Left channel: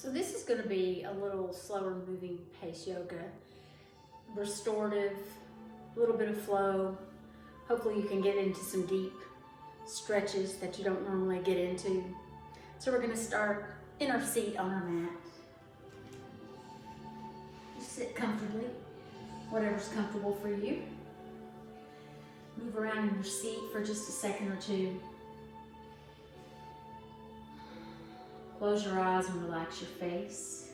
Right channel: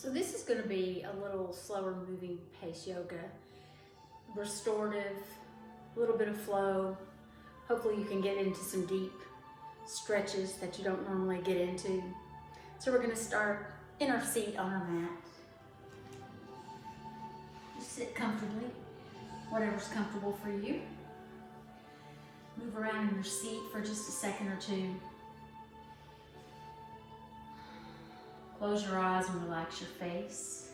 So this is going to be a little slower moving pace yoga, restorative, a little bit of flow. Hopefully you can get into some deep stretches that you don't normally get into. So we're going to start in our seat on our mat. Just sit comfortably, whatever's comfortable for you. Move around in your seat for just a second or two. Close your eyes and relax your face.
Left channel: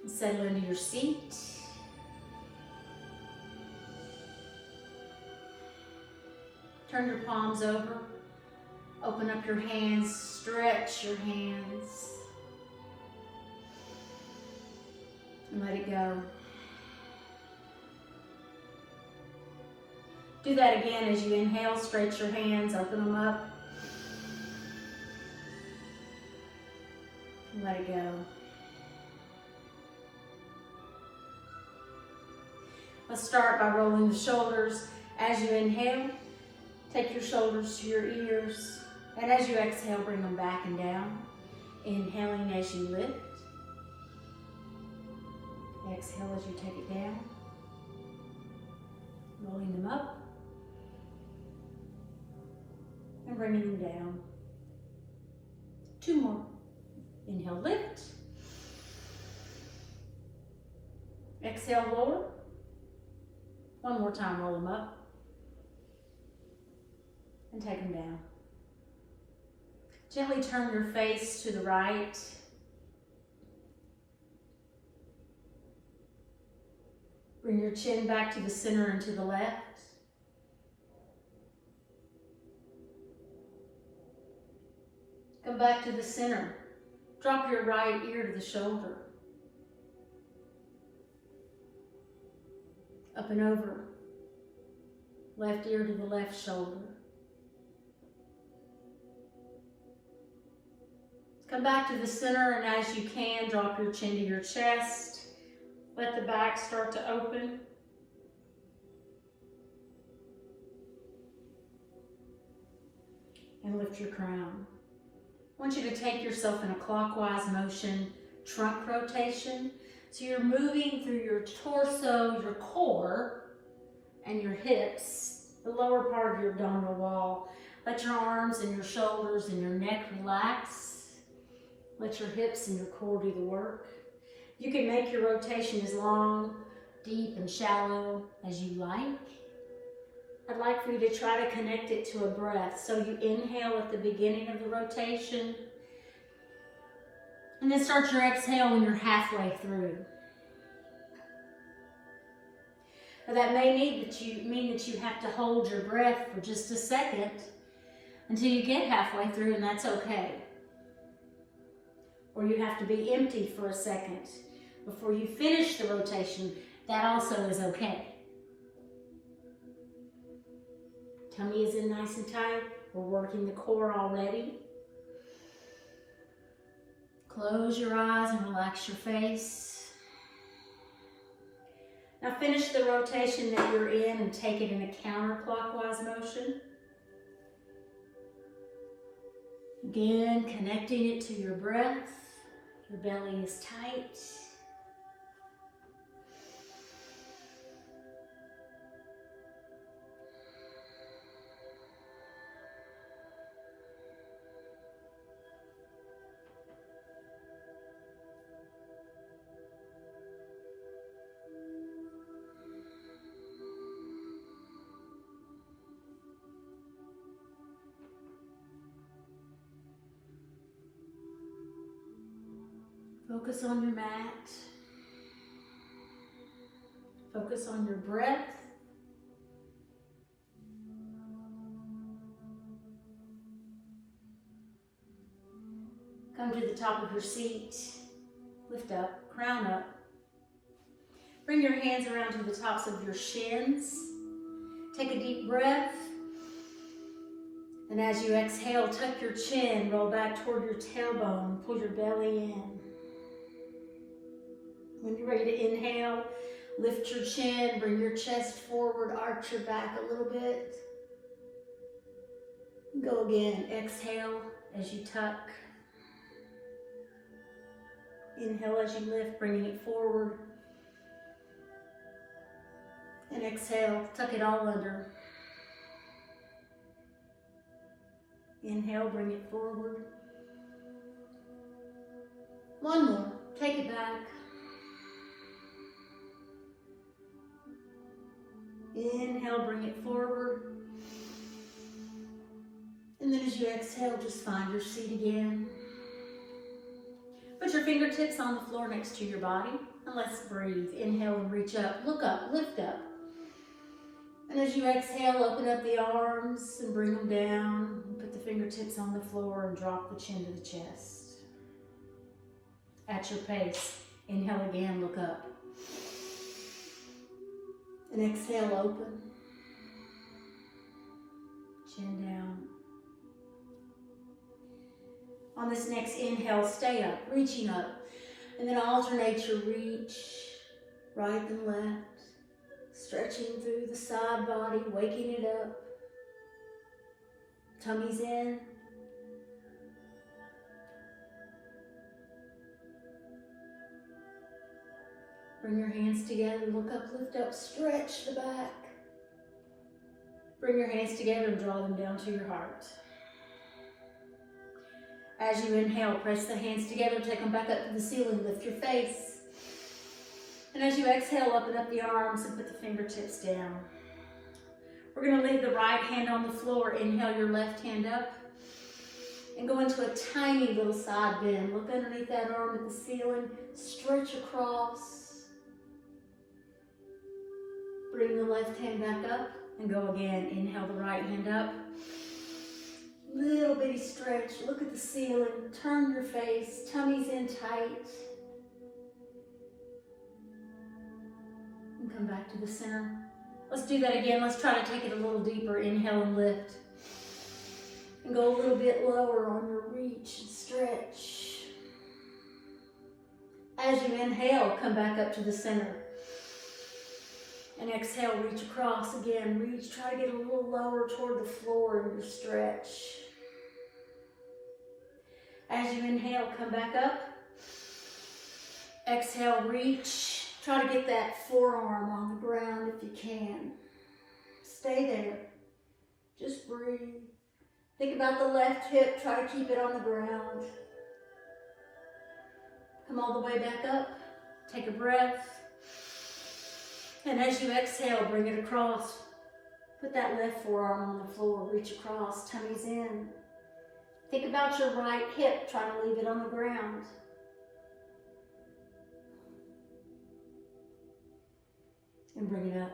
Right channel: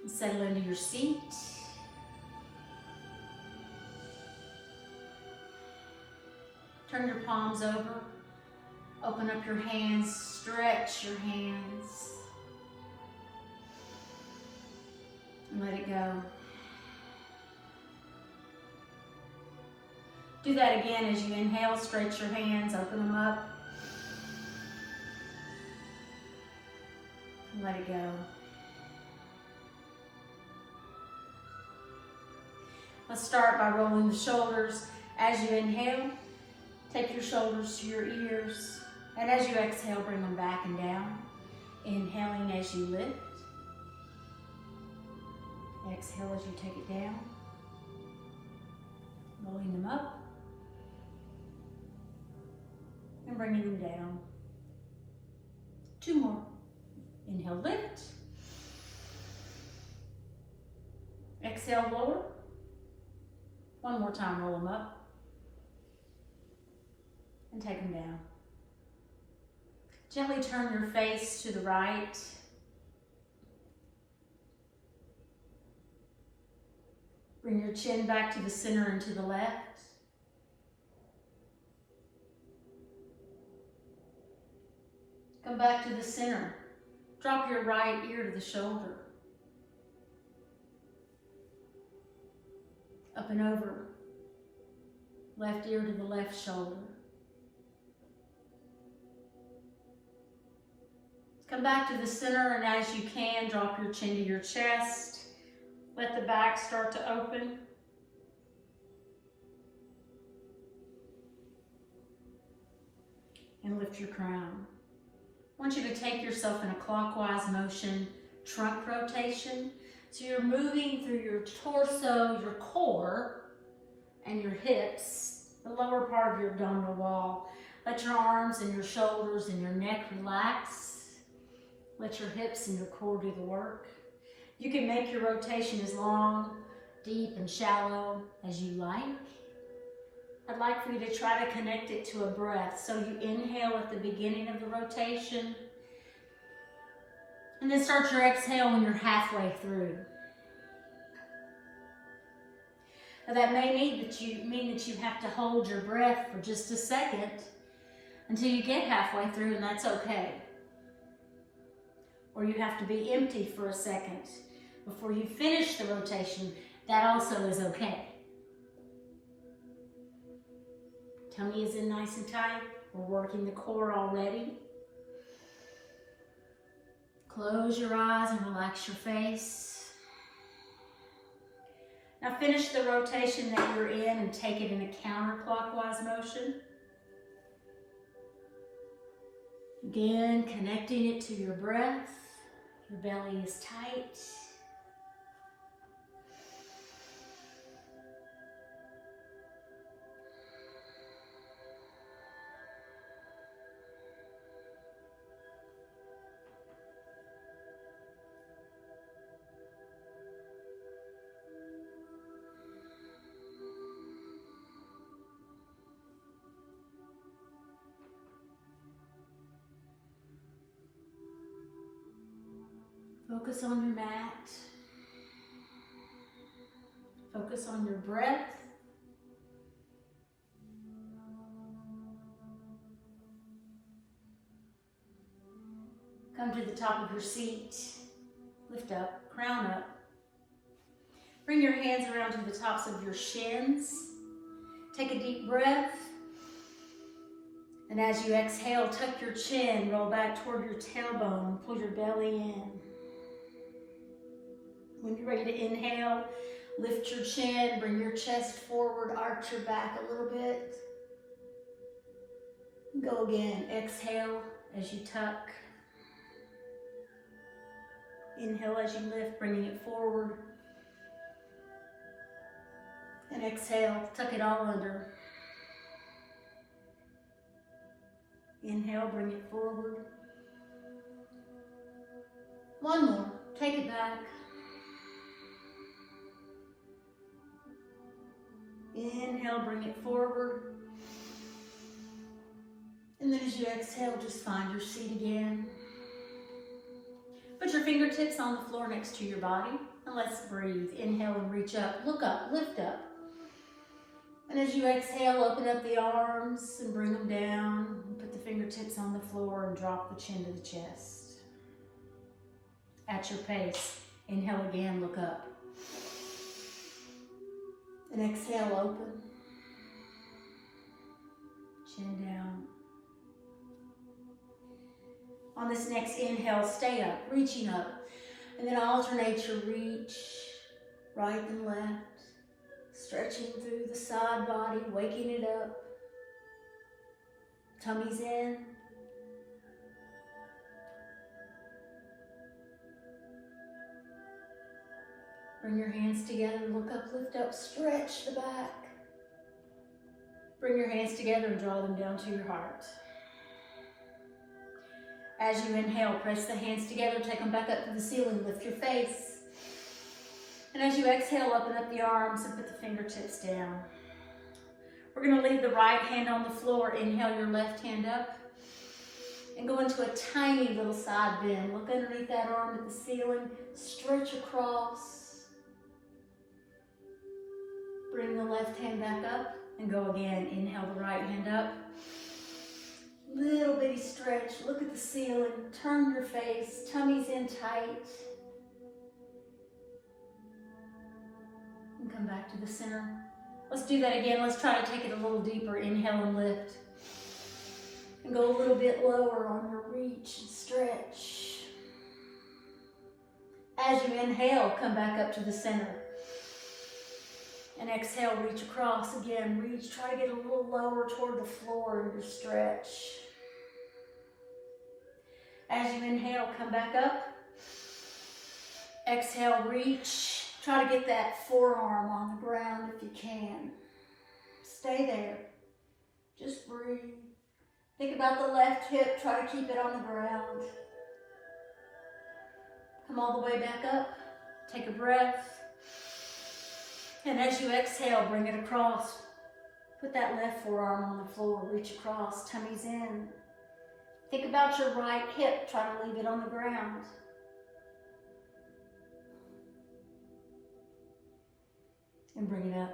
And settle into your seat. Turn your palms over. Open up your hands. Stretch your hands. And let it go. Do that again as you inhale. Stretch your hands. Open them up. Let it go. Let's start by rolling the shoulders. As you inhale, take your shoulders to your ears. And as you exhale, bring them back and down. Inhaling as you lift. Exhale as you take it down. Rolling them up. And bringing them down. Two more. Inhale, lift. Exhale, lower. One more time, roll them up. And take them down. Gently turn your face to the right. Bring your chin back to the center and to the left. Come back to the center. Drop your right ear to the shoulder. Up and over. Left ear to the left shoulder. Come back to the center, and as you can, drop your chin to your chest. Let the back start to open. And lift your crown. I want you to take yourself in a clockwise motion, trunk rotation. So you're moving through your torso, your core, and your hips, the lower part of your abdominal wall. Let your arms and your shoulders and your neck relax. Let your hips and your core do the work. You can make your rotation as long, deep, and shallow as you like. I'd like for you to try to connect it to a breath. So you inhale at the beginning of the rotation. And then start your exhale when you're halfway through. Now that may mean that you have to hold your breath for just a second until you get halfway through, and that's okay. Or you have to be empty for a second before you finish the rotation. That also is okay. Tummy is in nice and tight. We're working the core already. Close your eyes and relax your face. Now finish the rotation that you're in and take it in a counterclockwise motion. Again, connecting it to your breath. Your belly is tight. Focus on your mat. Focus on your breath. Come to the top of your seat. Lift up, crown up. Bring your hands around to the tops of your shins. Take a deep breath. And as you exhale, tuck your chin, roll back toward your tailbone, pull your belly in. When you're ready to inhale, lift your chin, bring your chest forward, arch your back a little bit. Go again. Exhale as you tuck. Inhale as you lift, bringing it forward. And exhale, tuck it all under. Inhale, bring it forward. One more, take it back. Inhale, bring it forward. And then as you exhale, just find your seat again. Put your fingertips on the floor next to your body, and let's breathe. Inhale and reach up, look up, lift up. And as you exhale, open up the arms and bring them down. Put the fingertips on the floor and drop the chin to the chest. At your pace, inhale again, look up. And exhale, open. Chin down. On this next inhale, stay up, reaching up. And then alternate your reach, right and left. Stretching through the side body, waking it up. Tummy's in. Bring your hands together, look up, lift up, stretch the back. Bring your hands together and draw them down to your heart. As you inhale, press the hands together, take them back up to the ceiling, lift your face. And as you exhale, open up the arms and put the fingertips down. We're going to leave the right hand on the floor. Inhale your left hand up. And go into a tiny little side bend. Look underneath that arm at the ceiling. Stretch across. Bring the left hand back up and go again. Inhale the right hand up. Little bitty stretch. Look at the ceiling. Turn your face. Tummy's in tight. And come back to the center. Let's do that again. Let's try to take it a little deeper. Inhale and lift. And go a little bit lower on your reach and stretch. As you inhale, come back up to the center. And exhale, reach across again. Reach, try to get a little lower toward the floor in your stretch. As you inhale, come back up. Exhale, reach. Try to get that forearm on the ground if you can. Stay there. Just breathe. Think about the left hip. Try to keep it on the ground. Come all the way back up. Take a breath. And as you exhale, bring it across. Put that left forearm on the floor. Reach across. Tummy's in. Think about your right hip. Try to leave it on the ground. And bring it up.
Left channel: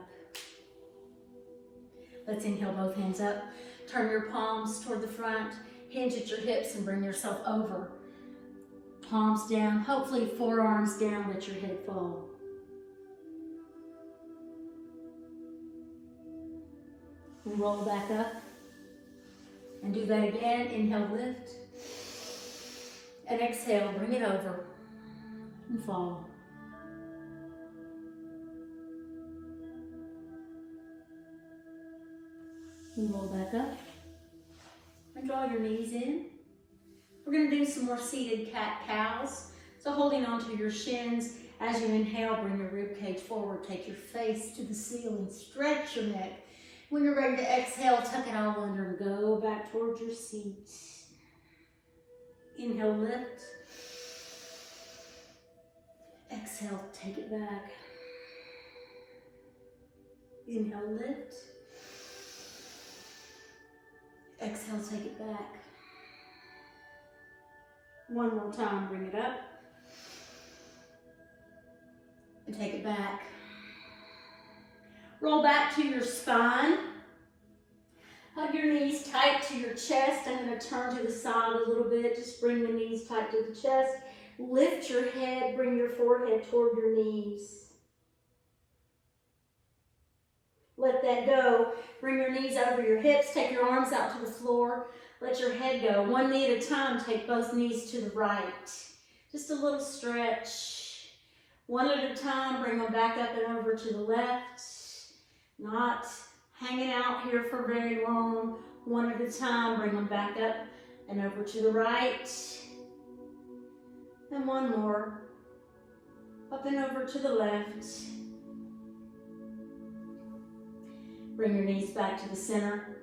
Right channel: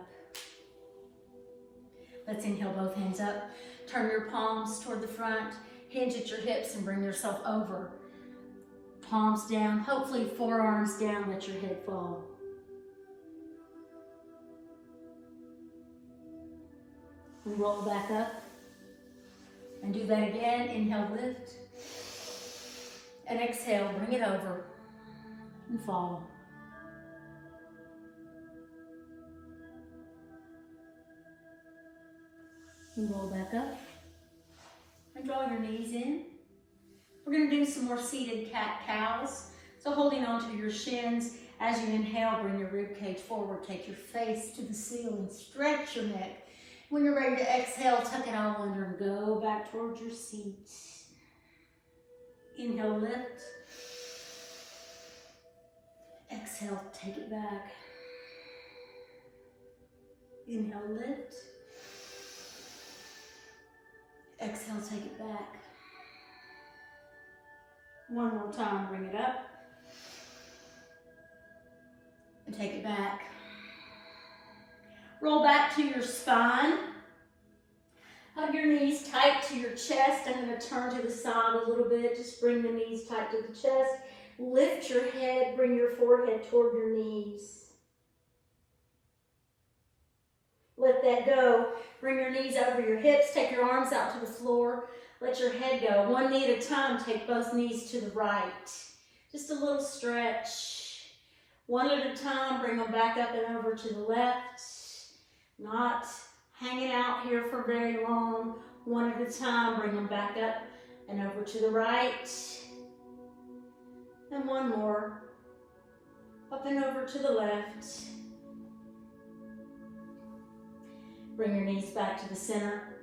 Let's inhale both hands up. Turn your palms toward the front. Hinge at your hips and bring yourself over. Palms down. Hopefully forearms down. Let your head fall. And roll back up. And do that again. Inhale, lift. And exhale, bring it over. And fall. And roll back up. And draw your knees in. We're going to do some more seated cat-cows. So holding on to your shins. As you inhale, bring your rib cage forward. Take your face to the ceiling. Stretch your neck. When you're ready to exhale, tuck it all under and go back towards your seat. Inhale, lift. Exhale, take it back. Inhale, lift. Exhale, take it back. One more time, bring it up. And take it back. Roll back to your spine. Hug your knees tight to your chest. I'm going to turn to the side a little bit. Just bring the knees tight to the chest. Lift your head. Bring your forehead toward your knees. Let that go. Bring your knees over your hips. Take your arms out to the floor. Let your head go. One knee at a time. Take both knees to the right. Just a little stretch. One at a time. Bring them back up and over to the left. Not hanging out here for very long. One at a time, bring them back up and over to the right. And one more. Up and over to the left. Bring your knees back to the center.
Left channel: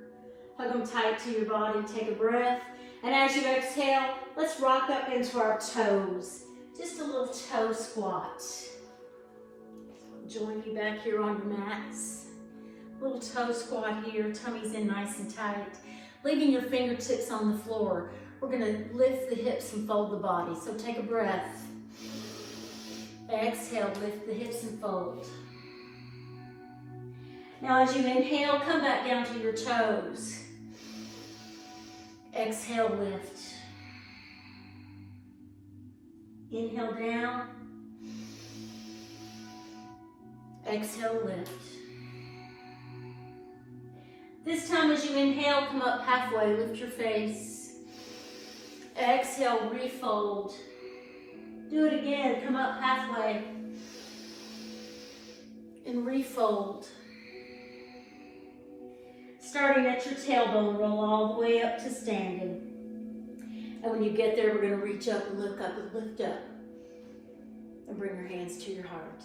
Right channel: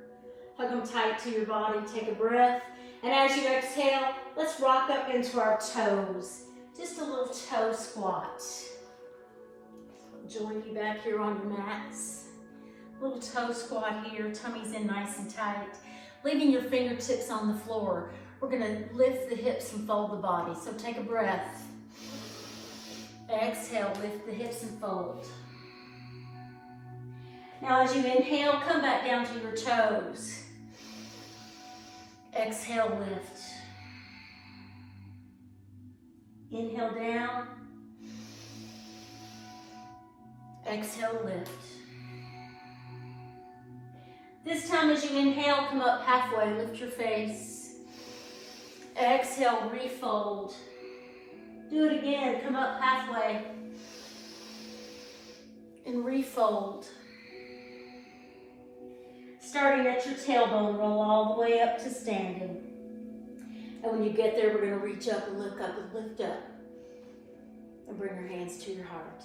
Hug them tight to your body. Take a breath. And as you exhale, let's rock up into our toes. Just a little toe squat. Join you back here on your mats. Little toe squat here. Tummy's in nice and tight. Leaving your fingertips on the floor. We're going to lift the hips and fold the body. So take a breath. Exhale, lift the hips and fold. Now as you inhale, come back down to your toes. Exhale, lift. Inhale down. Exhale, lift. This time as you inhale, come up halfway, lift your face. Exhale, refold. Do it again, come up halfway. And refold. Starting at your tailbone, roll all the way up to standing. And when you get there, we're going to reach up and look up and lift up. And bring your hands to your heart.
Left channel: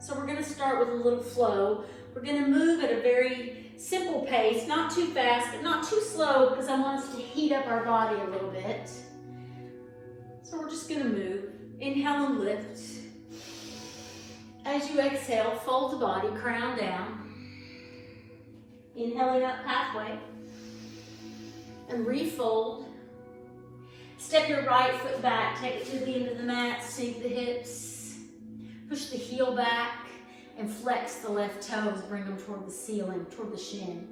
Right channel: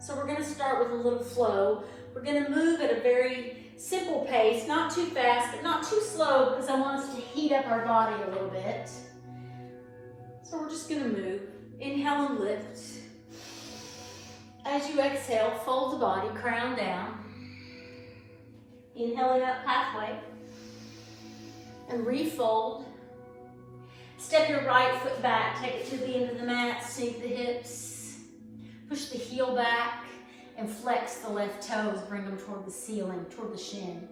So we're going to start with a little flow. We're going to move at a very simple pace, not too fast, but not too slow, because I want us to heat up our body a little bit. So we're just going to move. Inhale and lift. As you exhale, fold the body, crown down. Inhaling up halfway. And refold. Step your right foot back. Take it to the end of the mat. Sink the hips. Push the heel back. And flex the left toes. Bring them toward the ceiling, toward the shin.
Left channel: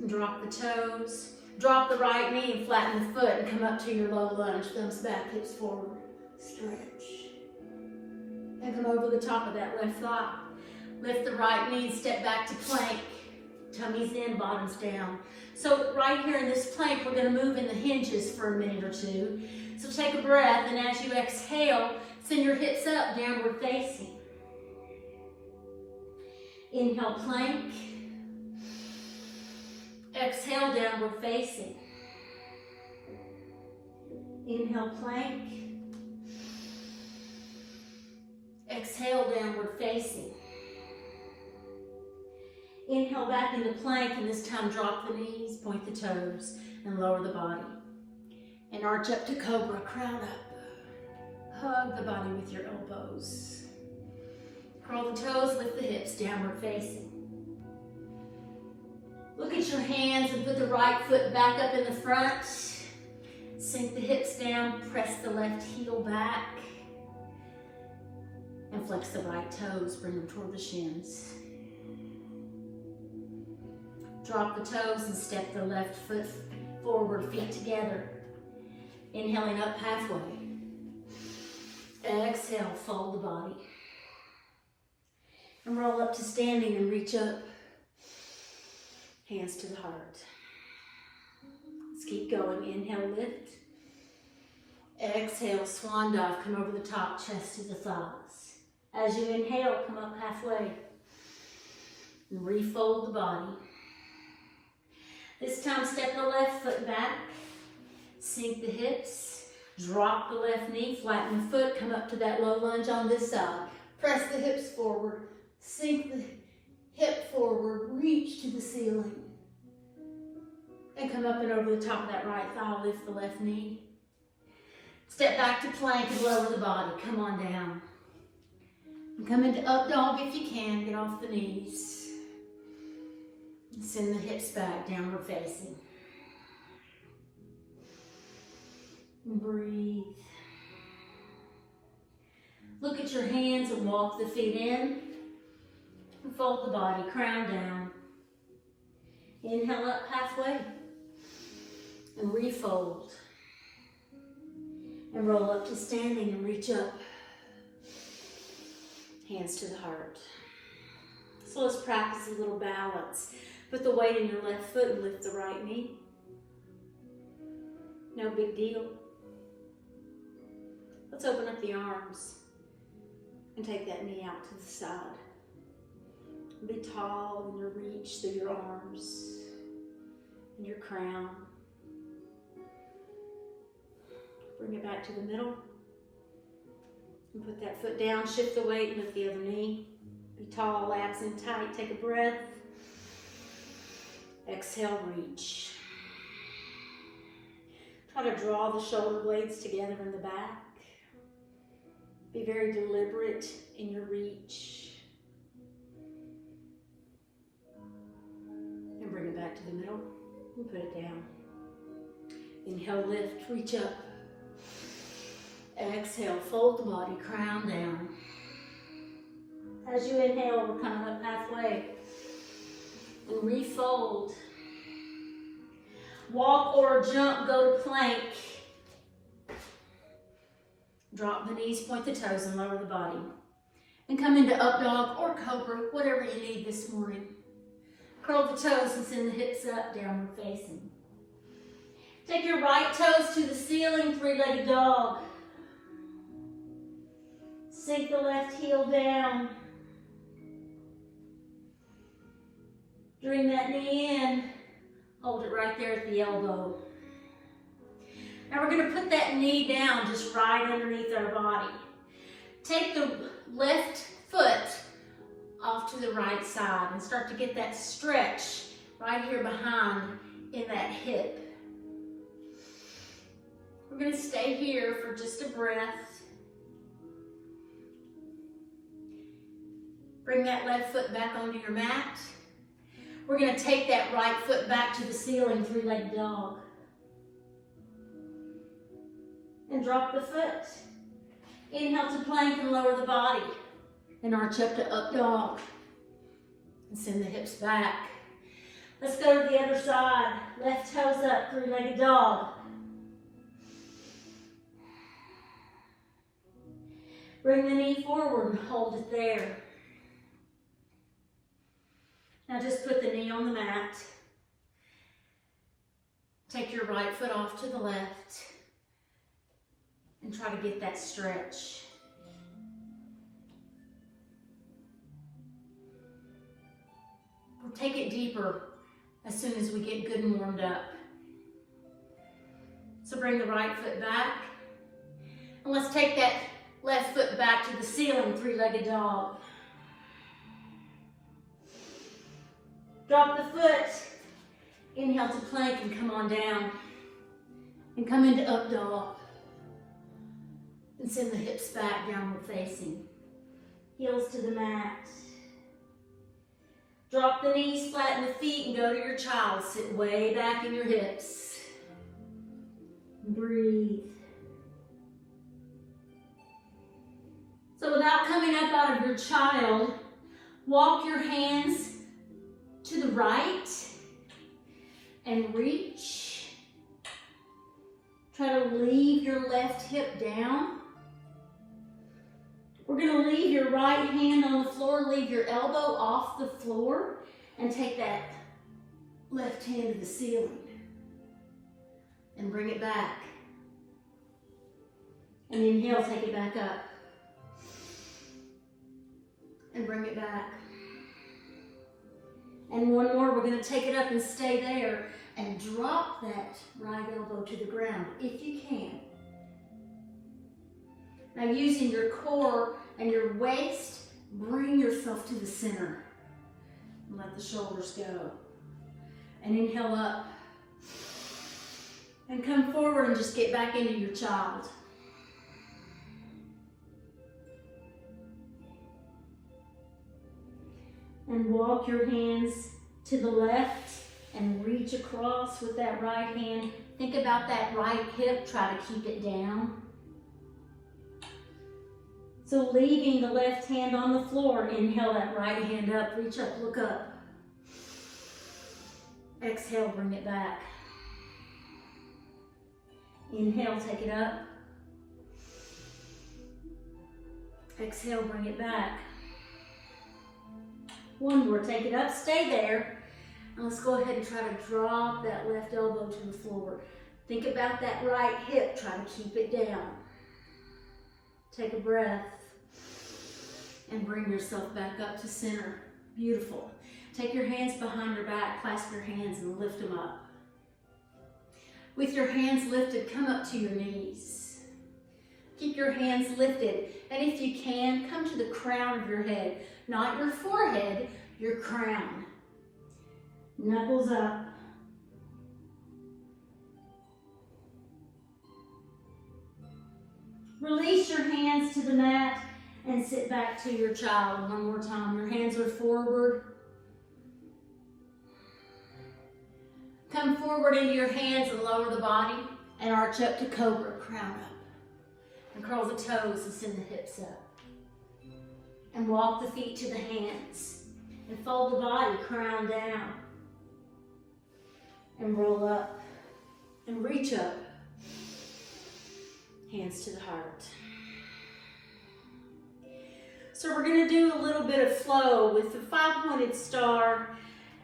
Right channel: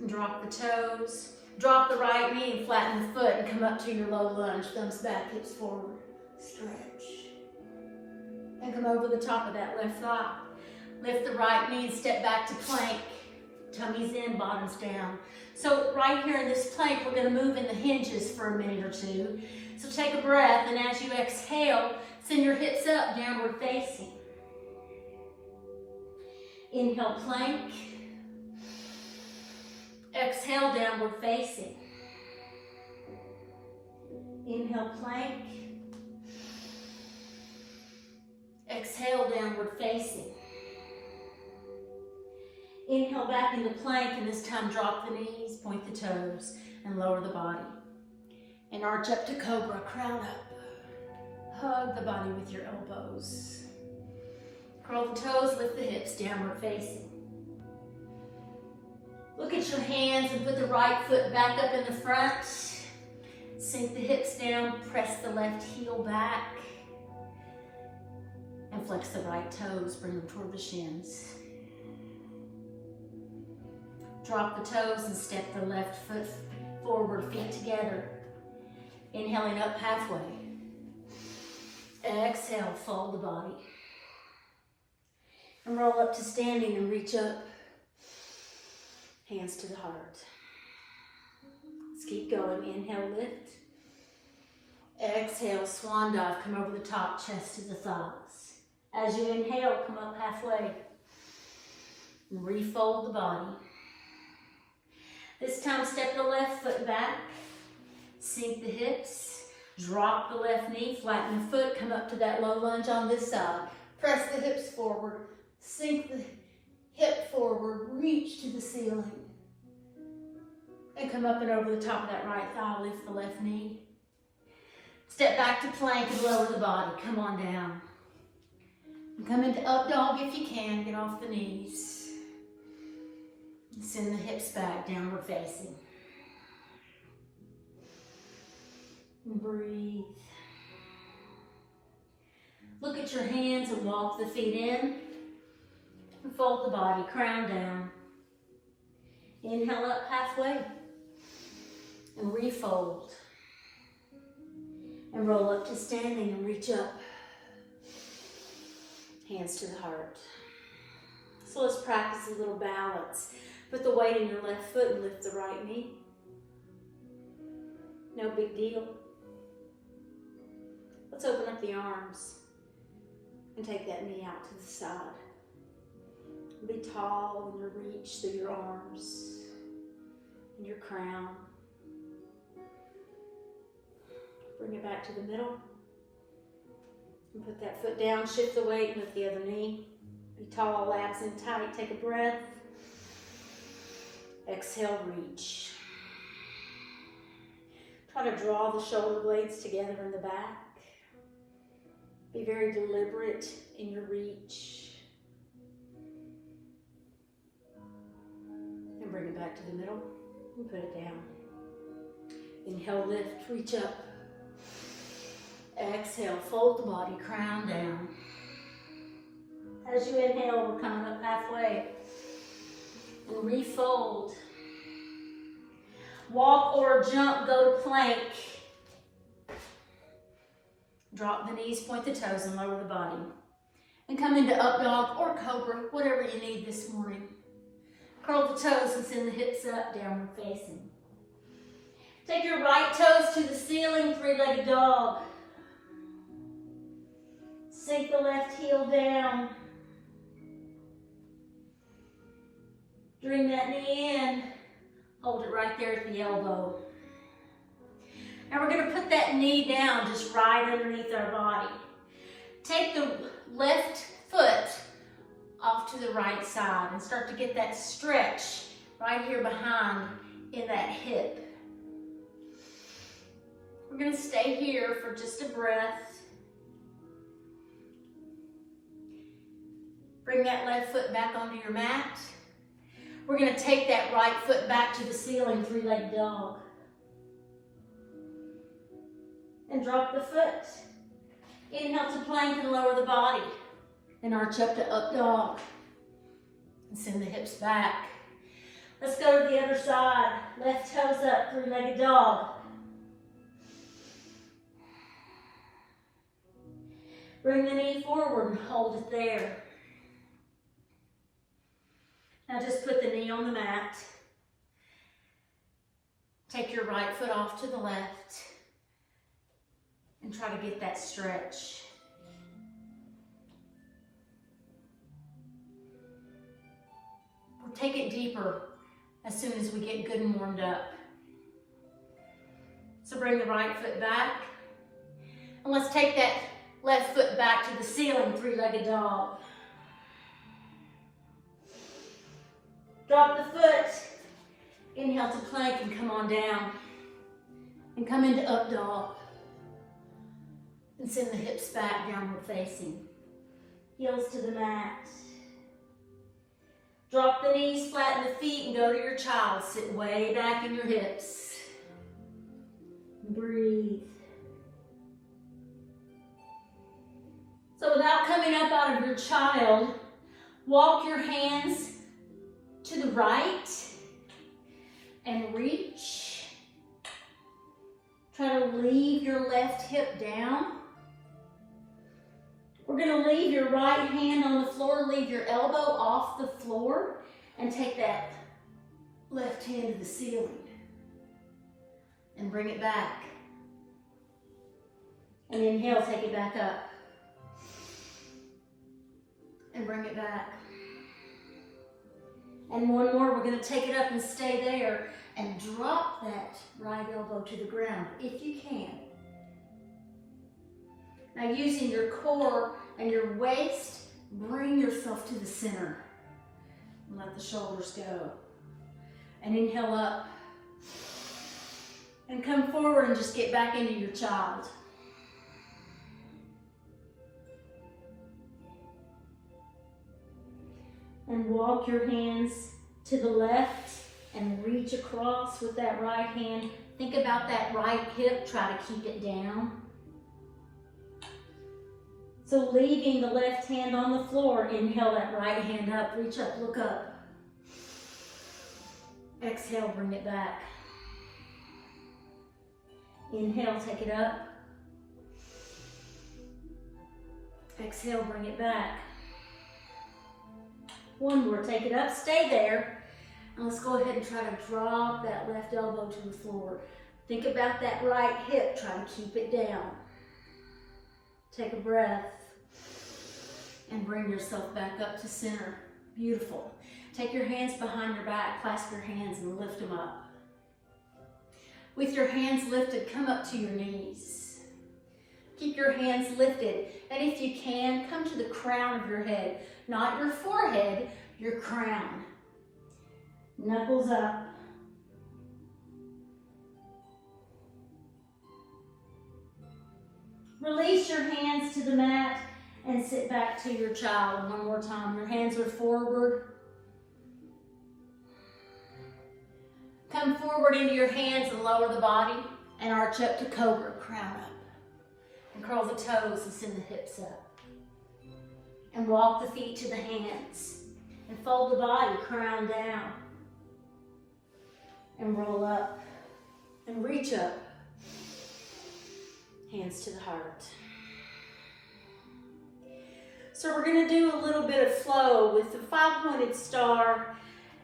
And drop the toes. Drop the right knee and flatten the foot. And come up to your low lunge. Thumbs back, hips forward. Stretch. And come over the top of that left thigh. Lift the right knee and step back to plank. Tummy's in, bottom's down. So right here in this plank, we're going to move in the hinges for a minute or two. So take a breath, and as you exhale, send your hips up, downward facing. Inhale, plank. Exhale, downward facing. Inhale, plank. Exhale, downward facing. Inhale back into plank, and this time drop the knees, point the toes, and lower the body. And arch up to cobra, crown up. Hug the body with your elbows. Curl the toes, lift the hips, downward facing. Look at your hands and put the right foot back up in the front. Sink the hips down, press the left heel back. And flex the right toes, bring them toward the shins. Drop the toes and step the left foot forward, feet together. Inhaling up halfway. Exhale, fold the body. And roll up to standing and reach up. Hands to the heart. Let's keep going. Inhale, lift. Exhale, swan dive. Come over the top, chest to the thighs. As you inhale, come up halfway. And refold the body. This time, step the left foot back. Sink the hips. Drop the left knee. Flatten the foot. Come up to that low lunge on this side. Press the hips forward. Sink the hip forward. Reach to the ceiling. And come up and over the top of that right thigh. Lift the left knee. Step back to plank and lower the body. Come on down. And come into up dog if you can. Get off the knees. Send the hips back, downward facing. And breathe. Look at your hands and walk the feet in. And fold the body, crown down. Inhale up halfway. And refold. And roll up to standing and reach up. Hands to the heart. So let's practice a little balance. Put the weight in your left foot and lift the right knee. No big deal. Let's open up the arms and take that knee out to the side. Be tall in your reach through your arms. and your crown. Bring it back to the middle. And put that foot down, shift the weight, and lift the other knee. Be tall, abs in tight. Take a breath. Exhale, reach. Try to draw the shoulder blades together in the back. Be very deliberate in your reach. And bring it back to the middle and put it down. Inhale, lift, reach up. Exhale, fold the body, crown down. As you inhale, we're coming up halfway. And refold. Walk or jump, go to plank. Drop the knees, point the toes, and lower the body. And come into up dog or cobra, whatever you need this morning. Curl the toes and send the hips up, downward facing. Take your right toes to the ceiling, three-legged dog. Sink the left heel down. Bring that knee in. Hold it right there at the elbow. Now we're going to put that knee down just right underneath our body. Take the left foot off to the right side and start to get that stretch right here behind in that hip. We're going to stay here for just a breath. Bring that left foot back onto your mat. We're going to take that right foot back to the ceiling, three-legged dog. And drop the foot. Inhale to plank and lower the body. And arch up to up dog. And send the hips back. Let's go to the other side. Left toes up, three-legged dog. Bring the knee forward and hold it there. Now just put the knee on the mat. Take your right foot off to the left. And try to get that stretch. We'll take it deeper as soon as we get good and warmed up. So bring the right foot back. And let's take that left foot back to the ceiling, three-legged dog. Drop the foot. Inhale to plank and come on down. And come into up dog. And send the hips back, downward facing. Heels to the mat. Drop the knees, flatten the feet, and go to your child. Sit way back in your hips. Breathe. So without coming up out of your child, walk your hands to the right and reach. Try to leave your left hip down. We're going to leave your right hand on the floor, leave your elbow off the floor, and take that left hand to the ceiling. And bring it back. And inhale, take it back up. And bring it back. And one more, we're going to take it up and stay there and drop that right elbow to the ground, if you can. Now using your core and your waist, bring yourself to the center. And let the shoulders go. And inhale up. And come forward and just get back into your child. And walk your hands to the left and reach across with that right hand. Think about that right hip. Try to keep it down. So leaving the left hand on the floor, inhale that right hand up. Reach up, look up. Exhale, bring it back. Inhale, take it up. Exhale, bring it back. One more, take it up, stay there. And let's go ahead and try to drop that left elbow to the floor. Think about that right hip, try to keep it down. Take a breath. And bring yourself back up to center. Beautiful. Take your hands behind your back, clasp your hands and lift them up. With your hands lifted, come up to your knees. Keep your hands lifted. And if you can, come to the crown of your head. Not your forehead, your crown. Knuckles up. Release your hands to the mat and sit back to your child one more time. Your hands are forward. Come forward into your hands and lower the body and arch up the cobra, crown up. And curl the toes and send the hips up. And walk the feet to the hands. And fold the body, crown down. And roll up. And reach up. Hands to the heart. So we're going to do a little bit of flow with the 5-pointed star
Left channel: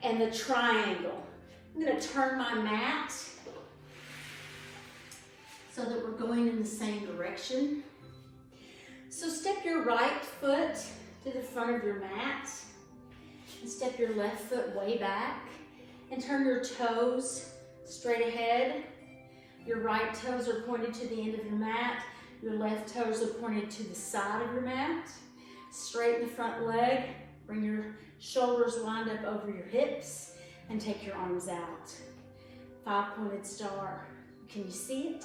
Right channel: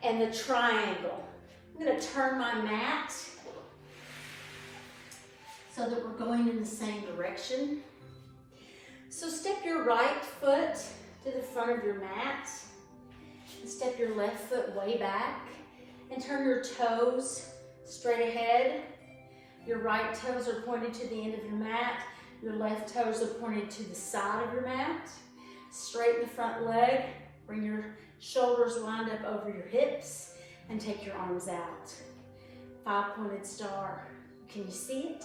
and the triangle. I'm going to turn my mat so that we're going in the same direction. So step your right foot to the front of your mat. And step your left foot way back. And turn your toes straight ahead. Your right toes are pointed to the end of your mat. Your left toes are pointed to the side of your mat. Straighten the front leg. Bring your shoulders lined up over your hips. And take your arms out. 5-pointed star. Can you see it?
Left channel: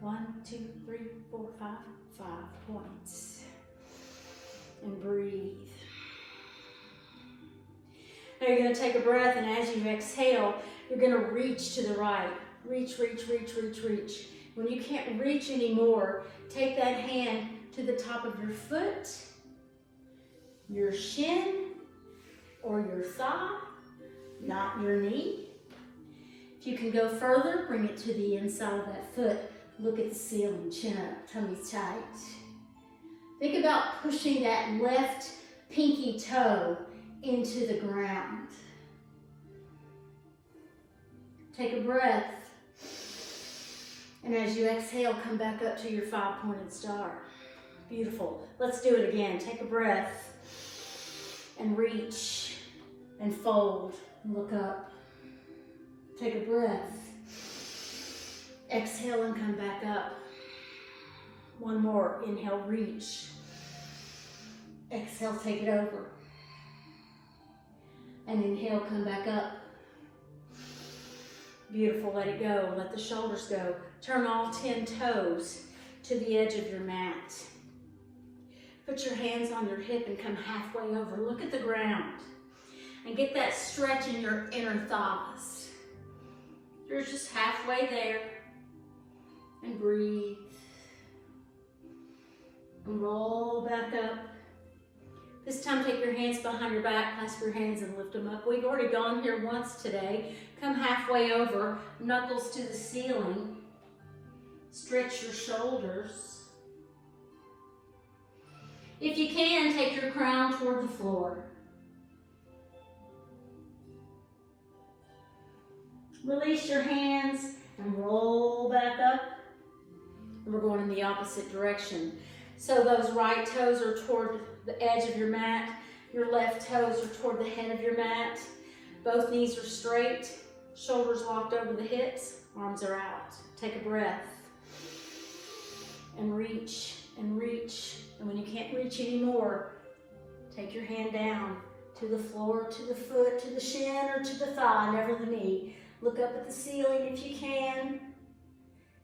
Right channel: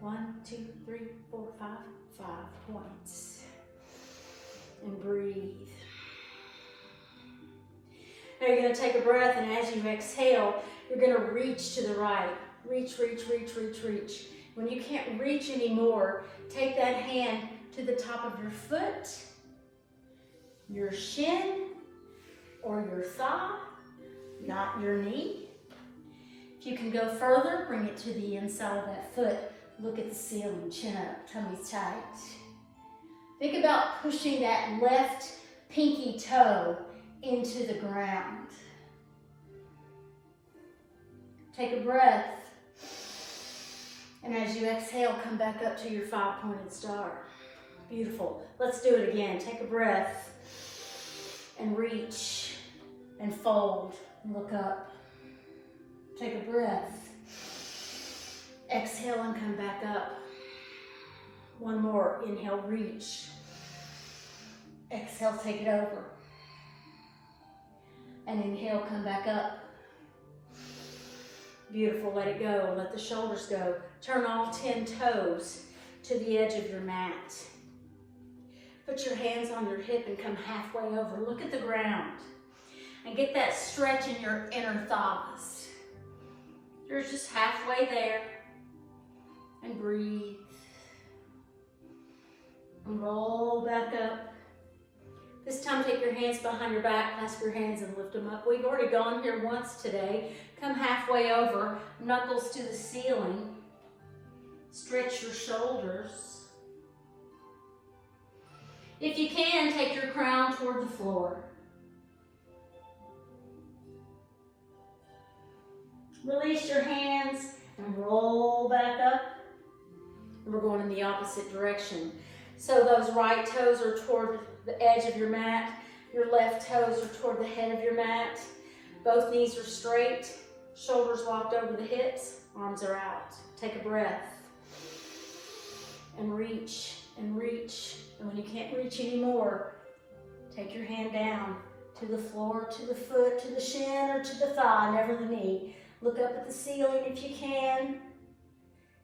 1, 2, 3, 4, 5. 5 points. And breathe. Now you're going to take a breath, and as you exhale, you're going to reach to the right. Reach, reach, reach, reach, reach. When you can't reach anymore, take that hand to the top of your foot, your shin, or your thigh, not your knee. If you can go further, bring it to the inside of that foot. Look at the ceiling, chin up, tummy tight. Think about pushing that left pinky toe into the ground. Take a breath. And as you exhale, come back up to your 5-pointed star. Beautiful. Let's do it again. Take a breath and reach and fold and look up. Take a breath. Exhale and come back up. One more. Inhale, reach. Exhale, take it over. And inhale, come back up. Beautiful, let it go. Let the shoulders go. Turn all 10 toes to the edge of your mat. Put your hands on your hip and come halfway over. Look at the ground. And get that stretch in your inner thighs. You're just halfway there. And breathe. And roll back up. This time, take your hands behind your back, clasp your hands and lift them up. We've already gone here once today. Come halfway over, knuckles to the ceiling. Stretch your shoulders. If you can, take your crown toward the floor. Release your hands and roll back up. We're going in the opposite direction. So those right toes are toward the edge of your mat. Your left toes are toward the head of your mat. Both knees are straight. Shoulders locked over the hips. Arms are out. Take a breath. And reach and reach. And when you can't reach anymore, take your hand down to the floor, to the foot, to the shin, or to the thigh, never the knee. Look up at the ceiling if you can.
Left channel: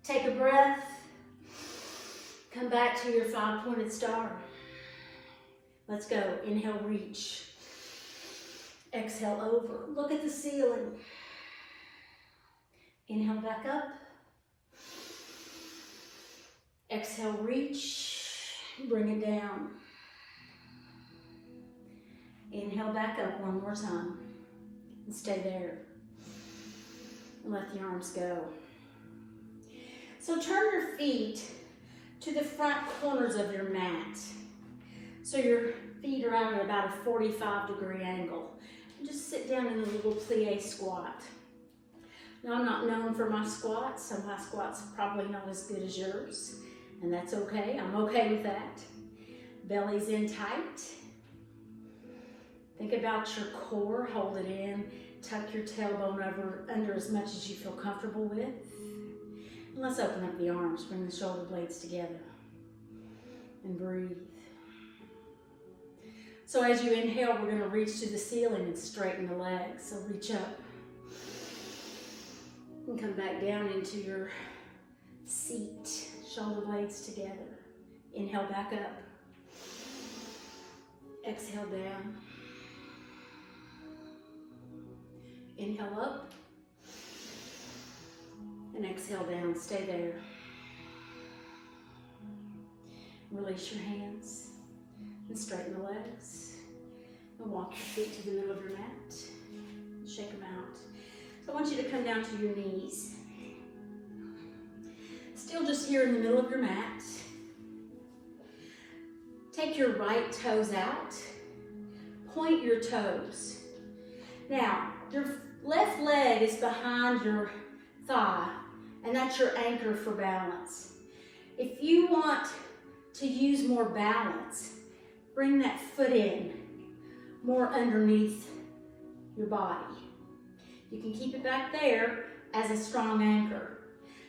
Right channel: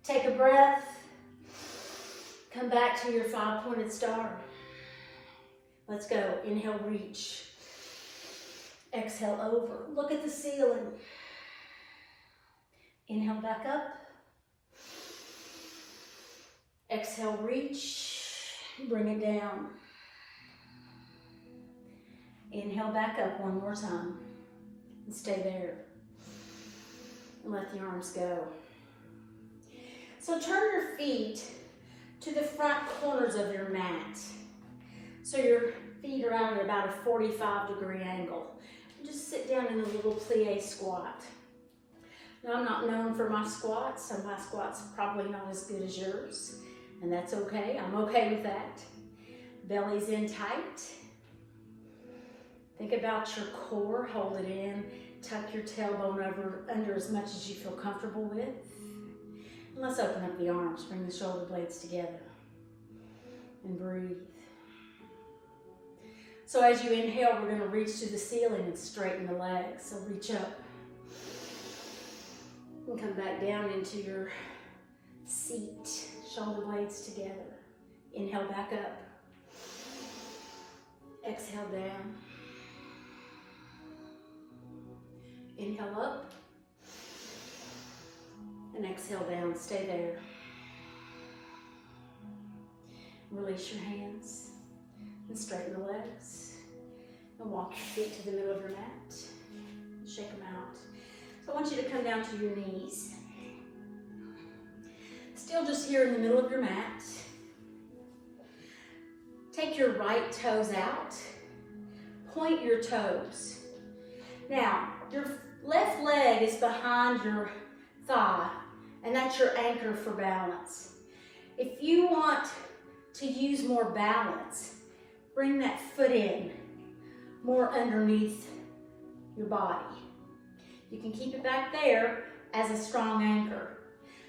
Take a breath. Come back to your 5-pointed star. Let's go. Inhale, reach. Exhale, over. Look at the ceiling. Inhale, back up. Exhale, reach. Bring it down. Inhale, back up one more time. And stay there. And let the arms go. So turn your feet to the front corners of your mat. So your feet are at about a 45-degree angle. And just sit down in a little plie squat. Now, I'm not known for my squats, so my squats are probably not as good as yours. And that's okay. I'm okay with that. Belly's in tight. Think about your core. Hold it in. Tuck your tailbone under as much as you feel comfortable with. Let's open up the arms, bring the shoulder blades together, and breathe. So as you inhale, we're going to reach to the ceiling and straighten the legs. So reach up and come back down into your seat, shoulder blades together. Inhale back up. Exhale down. Inhale up. And exhale down. Stay there. Release your hands. And straighten the legs. And walk your feet to the middle of your mat. Shake them out. So I want you to come down to your knees. Still just here in the middle of your mat. Take your right toes out. Point your toes. Now, your left leg is behind your thigh, and that's your anchor for balance. If you want to use more balance, bring that foot in more underneath your body. You can keep it back there as a strong anchor.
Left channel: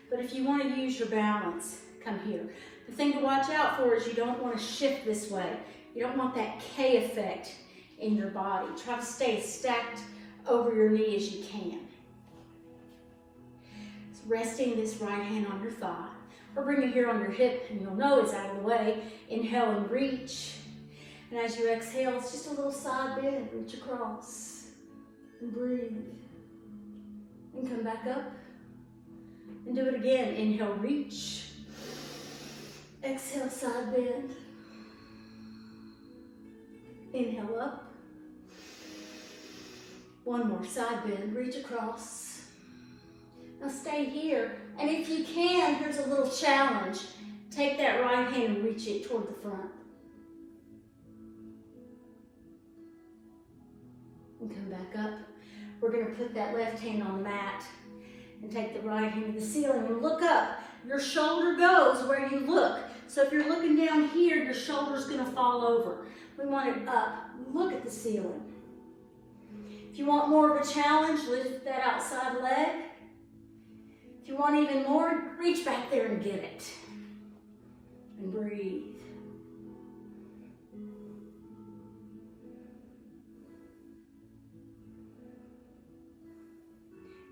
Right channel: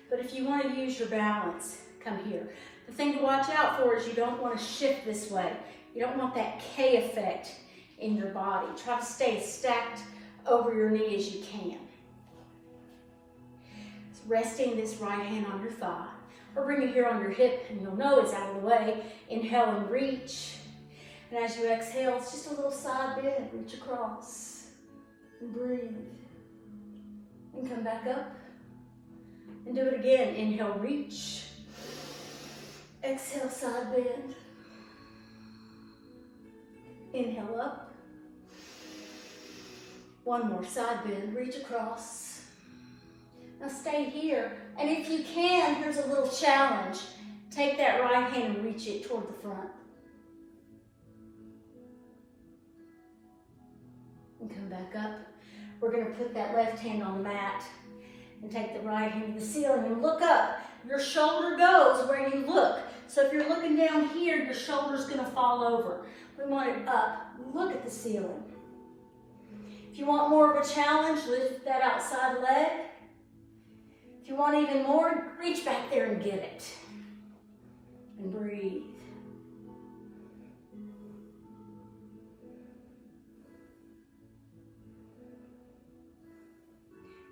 But if you want to use your balance, come here. The thing to watch out for is you don't want to shift this way. You don't want that K effect in your body. Try to stay stacked over your knee as you can. So resting this right hand on your thigh, or bring it here on your hip, and you'll know it's out of the way. Inhale and reach. And as you exhale, it's just a little side bend. Reach across and breathe. And come back up. And do it again. Inhale, reach. Exhale, side bend. Inhale up. One more, side bend. Reach across. Now stay here. And if you can, here's a little challenge. Take that right hand and reach it toward the front. And come back up. We're going to put that left hand on the mat and take the right hand to the ceiling and look up. Your shoulder goes where you look. So if you're looking down here, your shoulder's going to fall over. We want it up. Look at the ceiling. If you want more of a challenge, lift that outside leg. If you want even more, reach back there and get it. And breathe.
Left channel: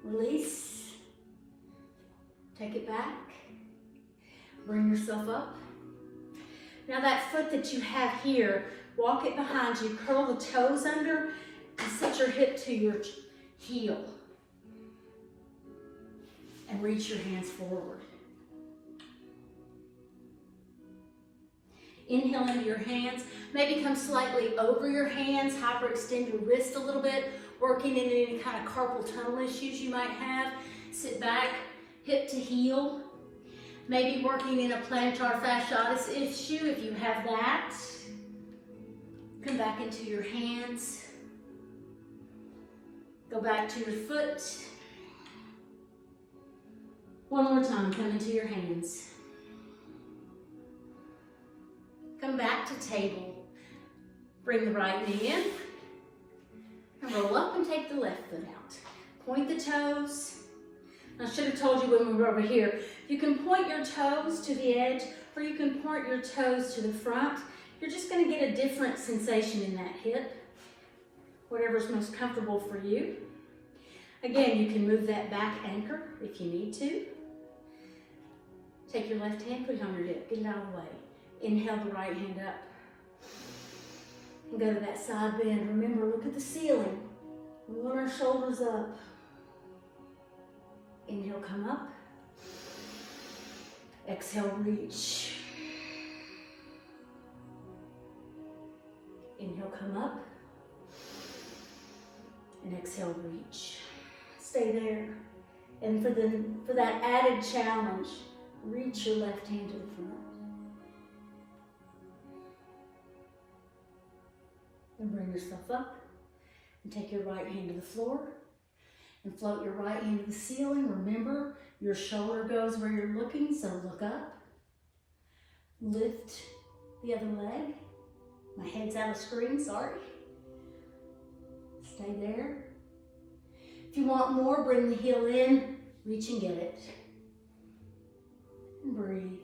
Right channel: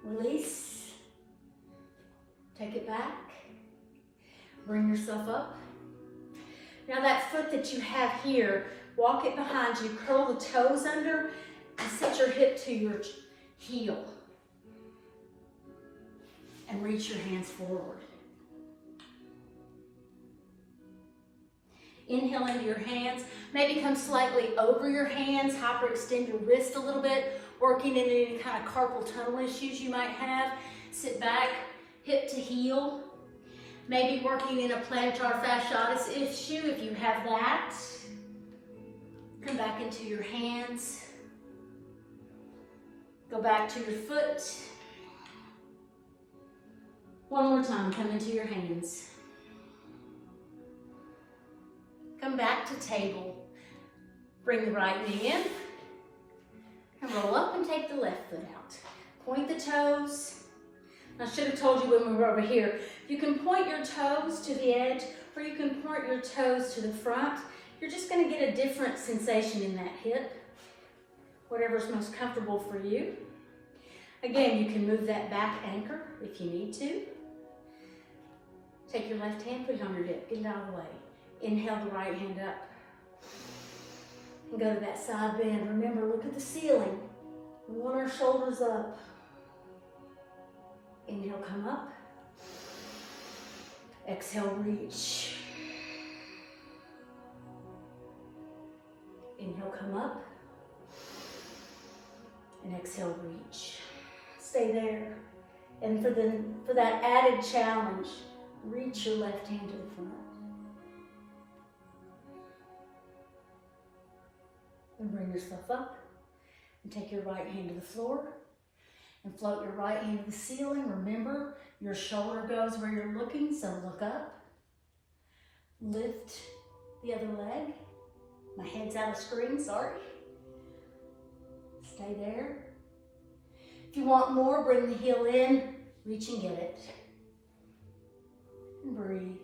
Release. Take it back. Bring yourself up. Now that foot that you have here, walk it behind you, curl the toes under, and sit your hip to your heel. And reach your hands forward. Inhale into your hands. Maybe come slightly over your hands. Hyperextend your wrist a little bit. Working in any kind of carpal tunnel issues you might have. Sit back, hip to heel. Maybe working in a plantar fasciitis issue if you have that. Come back into your hands. Go back to your foot. One more time, come into your hands. Come back to table. Bring the right knee in. And roll up and take the left foot out. Point the toes. I should have told you when we were over here. You can point your toes to the edge, or you can point your toes to the front. You're just going to get a different sensation in that hip. Whatever's most comfortable for you. Again, you can move that back anchor if you need to. Take your left hand, put it on your hip, get it out of the way. Inhale the right hand up. And go to that side bend. Remember, look at the ceiling. We want our shoulders up. Inhale, come up. Exhale, reach. Inhale, come up. And exhale, reach. Stay there. And for that added challenge, reach your left hand to the front. And bring yourself up. And take your right hand to the floor. And float your right hand to the ceiling. Remember, your shoulder goes where you're looking, so look up. Lift the other leg. My head's out of screen, sorry. Stay there. If you want more, bring the heel in. Reach and get it. And breathe.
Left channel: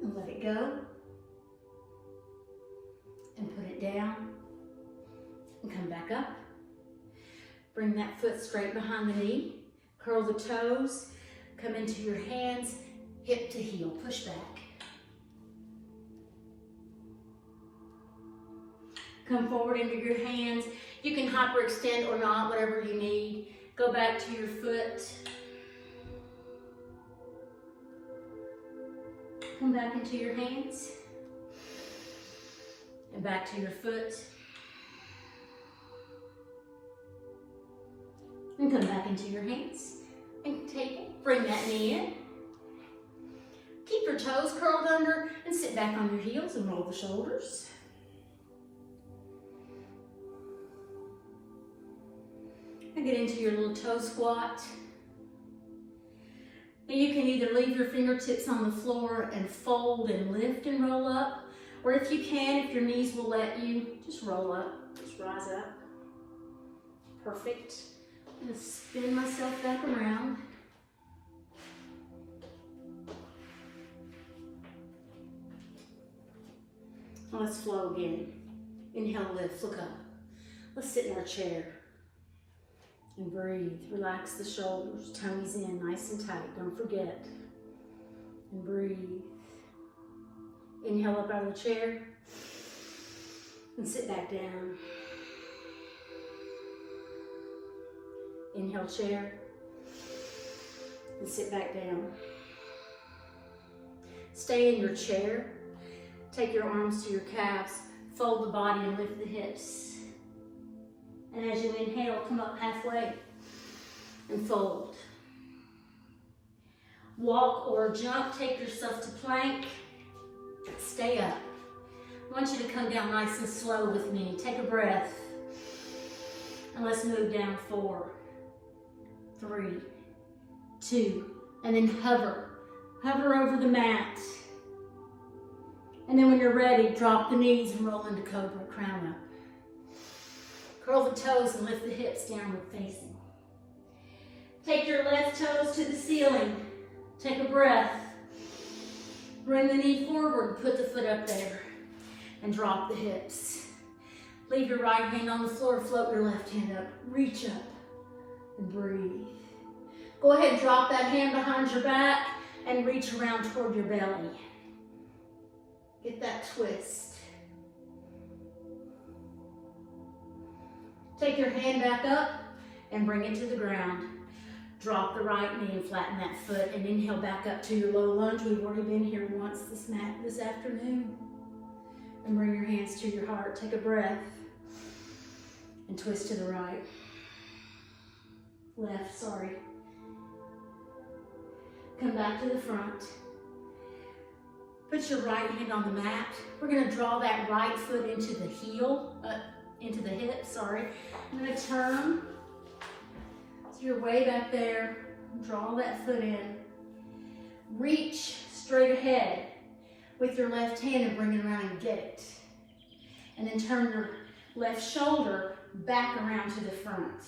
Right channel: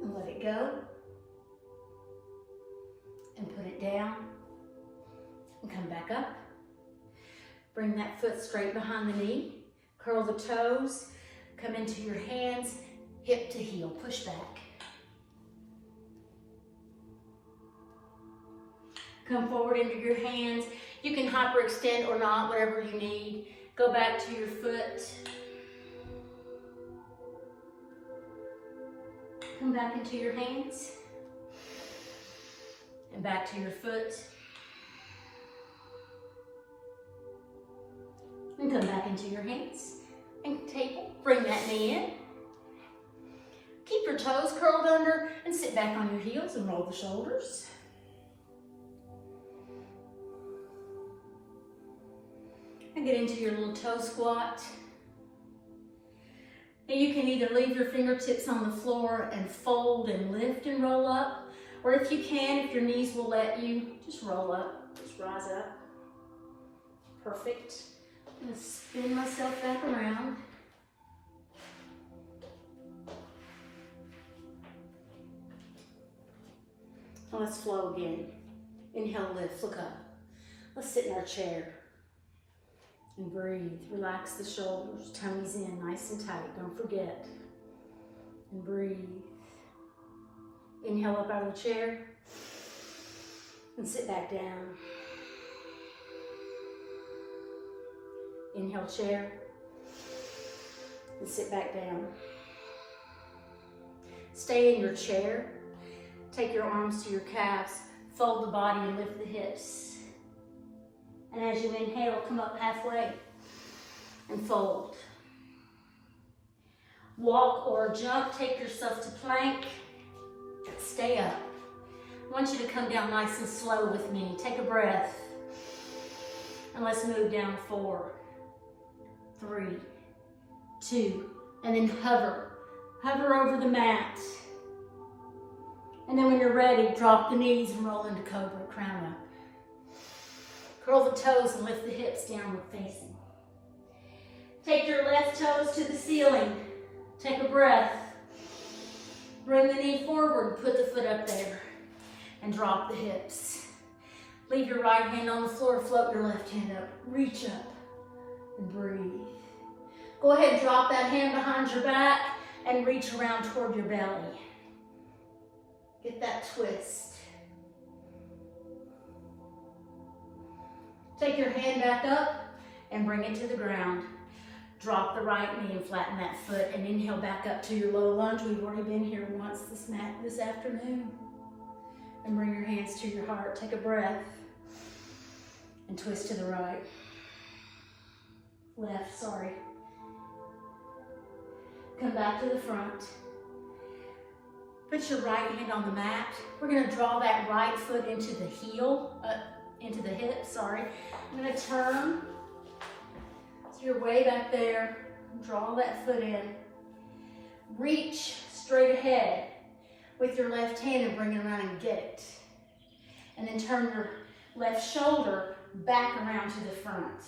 And let it go. And put it down. And come back up. Bring that foot straight behind the knee. Curl the toes. Come into your hands, hip to heel. Push back. Come forward into your hands. You can hyperextend or not, whatever you need. Go back to your foot. Come back into your hands. And back to your foot. And come back into your hands. And table. Bring that knee in. Keep your toes curled under and sit back on your heels and roll the shoulders. And get into your little toe squat. And you can either leave your fingertips on the floor and fold and lift and roll up, or if you can, if your knees will let you, just roll up, just rise up. Perfect. I'm going to spin myself back around. Let's flow again. Inhale, lift, look up. Let's sit in our chair and breathe. Relax the shoulders, tummy's in, nice and tight, don't forget. And breathe. Inhale up out of the chair and sit back down. Inhale, chair, and sit back down. Stay in your chair. Take your arms to your calves, fold the body and lift the hips. And as you inhale, come up halfway and fold. Walk or jump, take yourself to plank. Stay up. I want you to come down nice and slow with me. Take a breath. And let's move down 4, 3, 2, and then hover. Hover over the mat. And then when you're ready, drop the knees and roll into cobra, crown up. Curl the toes and lift the hips downward facing. Take your left toes to the ceiling. Take a breath. Bring the knee forward, put the foot up there, and drop the hips. Leave your right hand on the floor, float your left hand up. Reach up and breathe. Go ahead and drop that hand behind your back and reach around toward your belly. Get that twist. Take your hand back up and bring it to the ground. Drop the right knee and flatten that foot and inhale back up to your low lunge. We've already been here once this afternoon. And bring your hands to your heart. Take a breath and twist to the right. Left, sorry. Come back to the front. Put your right hand on the mat. We're going to draw that right foot into the heel, into the hip, sorry. I'm going to turn. So you're way back there. Draw that foot in. Reach straight ahead with your left hand and bring it around and get it. And then turn your left shoulder back around to the front.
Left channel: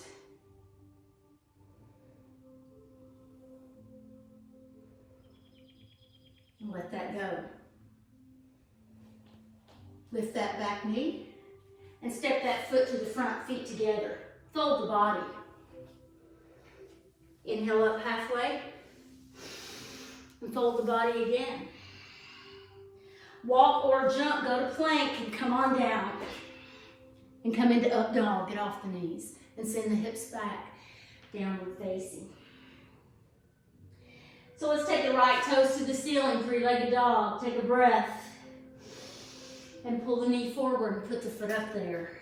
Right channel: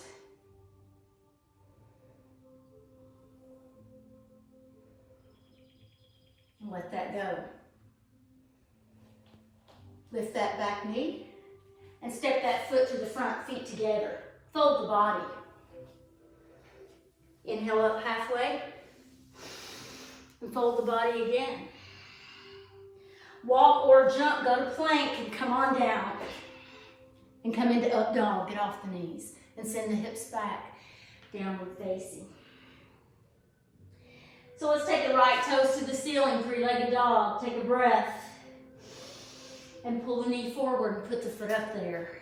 And let that go. Lift that back knee and step that foot to the front, feet together. Fold the body. Inhale up halfway and fold the body again. Walk or jump, go to plank and come on down. And come into up dog, get off the knees and send the hips back, downward facing. So let's take the right toes to the ceiling, three-legged dog. Take a breath. And pull the knee forward and put the foot up there.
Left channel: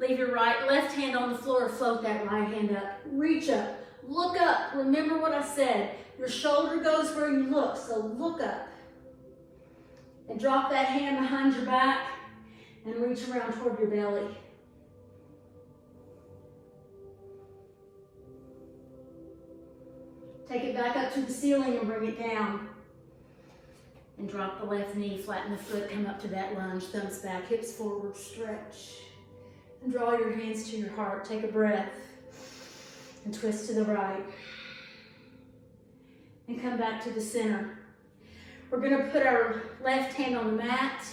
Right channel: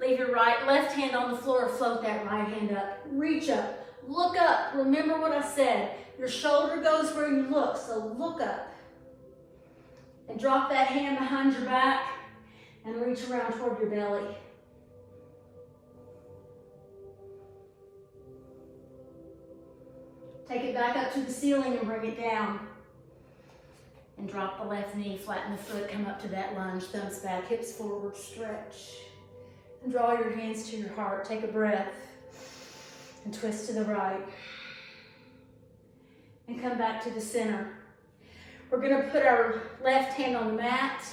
Leave your left hand on the floor, float that right hand up. Reach up, look up. Remember what I said. Your shoulder goes where you look, so look up. And drop that hand behind your back and reach around toward your belly. Take it back up to the ceiling and bring it down. And drop the left knee, flatten the foot, come up to that lunge, thumbs back, hips forward, stretch. And draw your hands to your heart. Take a breath. And twist to the right. And come back to the center. We're going to put our left hand on the mat.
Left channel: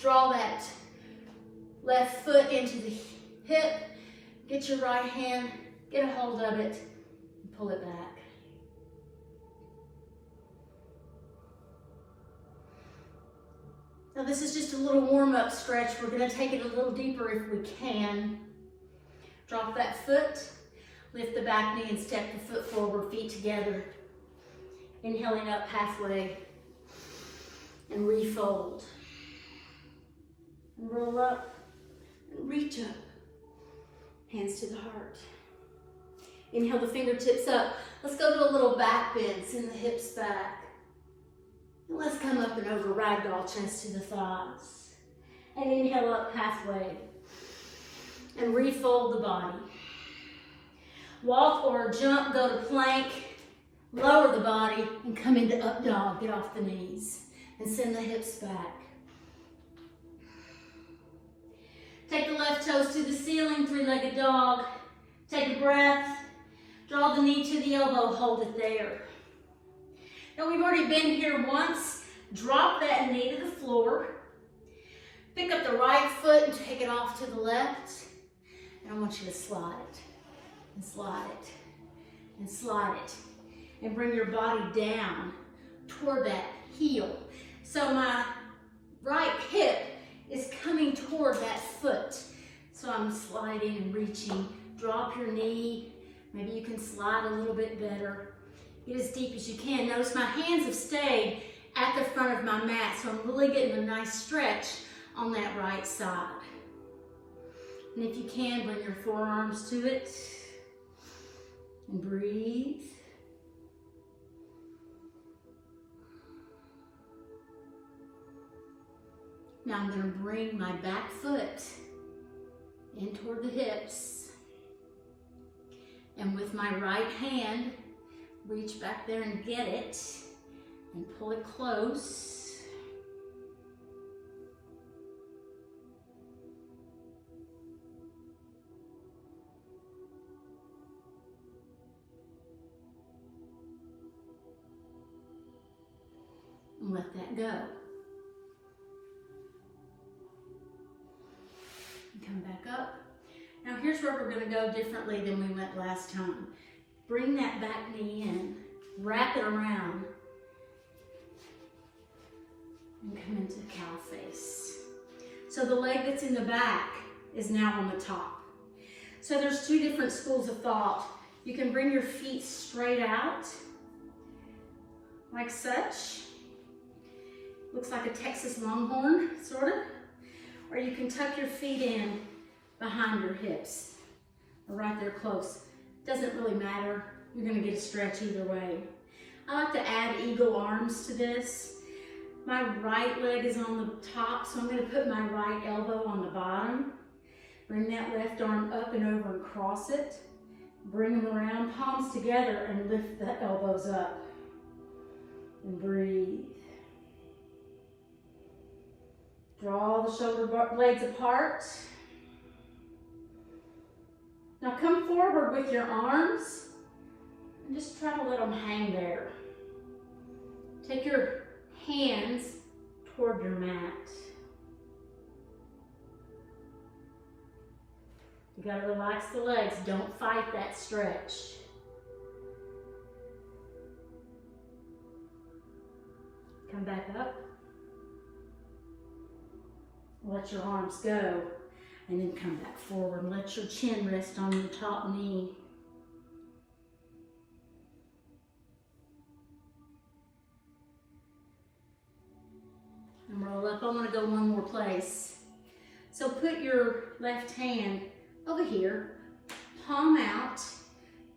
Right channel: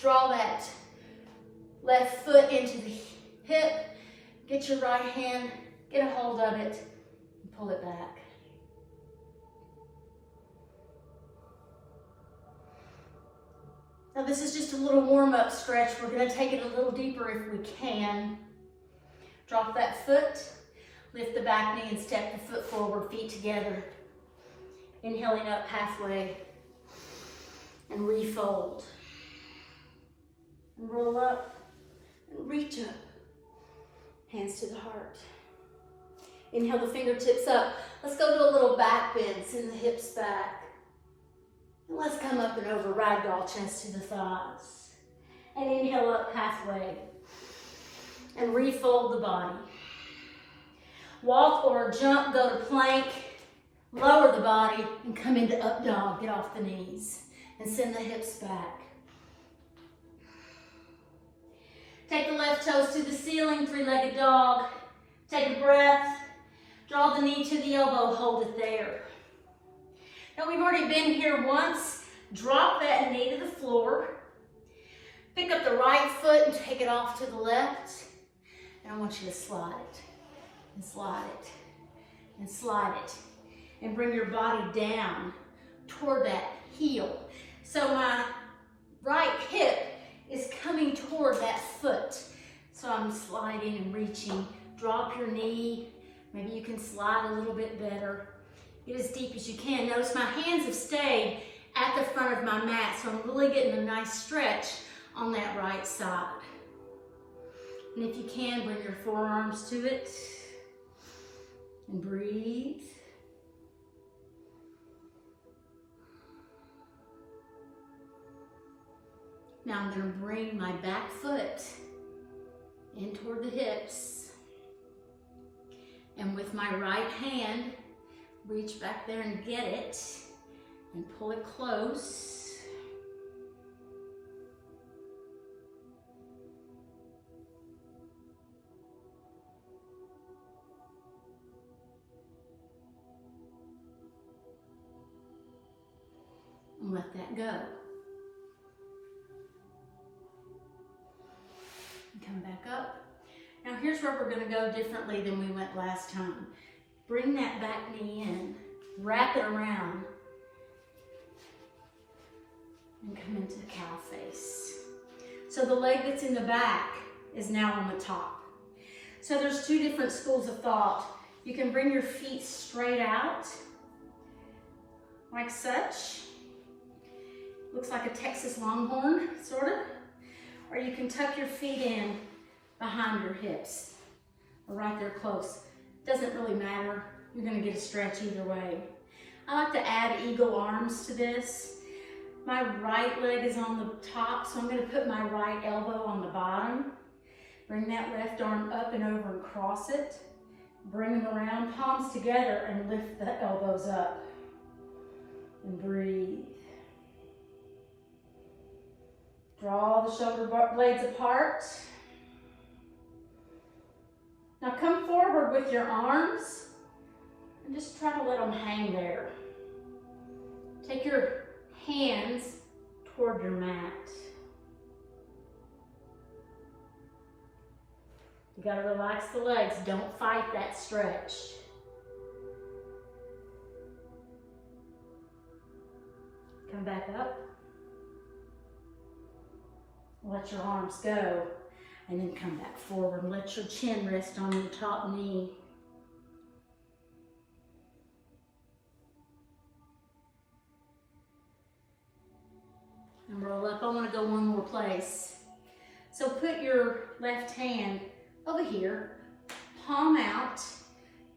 Draw that left foot into the hip. Get your right hand, get a hold of it, and pull it back. Now this is just a little warm-up stretch. We're going to take it a little deeper if we can. Drop that foot, lift the back knee and step the foot forward, feet together. Inhaling up halfway and refold. And roll up and reach up. Hands to the heart. Inhale the fingertips up. Let's go to a little back bend. Send the hips back. And let's come up and over ragdoll, chest to the thighs. And inhale up halfway. And refold the body. Walk or jump, go to plank. Lower the body and come into up dog. Get off the knees. And send the hips back. Take the left toes to the ceiling, three-legged dog. Take a breath. Draw the knee to the elbow, hold it there. Now we've already been here once. Drop that knee to the floor. Pick up the right foot and take it off to the left. And I want you to slide it, and slide it, and slide it. And bring your body down toward that heel. So my right hip is coming toward that foot. So I'm sliding and reaching. Drop your knee. Maybe you can slide a little bit better. Get as deep as you can. Notice my hands have stayed at the front of my mat, so I'm really getting a nice stretch on that right side. And if you can, bring your forearms to it. And breathe. Now I'm going to bring my back foot in toward the hips. And with my right hand, reach back there and get it. And pull it close. And let that go. Come back up. Now here's where we're going to go differently than we went last time. Bring that back knee in, wrap it around, and come into the cow face. So the leg that's in the back is now on the top. So there's two different schools of thought. You can bring your feet straight out, like such. Looks like a Texas Longhorn, sort of. Or you can tuck your feet in behind your hips, or right there close. Doesn't really matter. You're going to get a stretch either way. I like to add eagle arms to this. My right leg is on the top, so I'm going to put my right elbow on the bottom. Bring that left arm up and over and cross it. Bring them around, palms together, and lift the elbows up. And breathe. Draw the shoulder blades apart. Now come forward with your arms and just try to let them hang there. Take your hands toward your mat. You got to relax the legs. Don't fight that stretch. Come back up. Let your arms go, and then come back forward and let your chin rest on your top knee. And roll up. I want to go one more place. So put your left hand over here, palm out.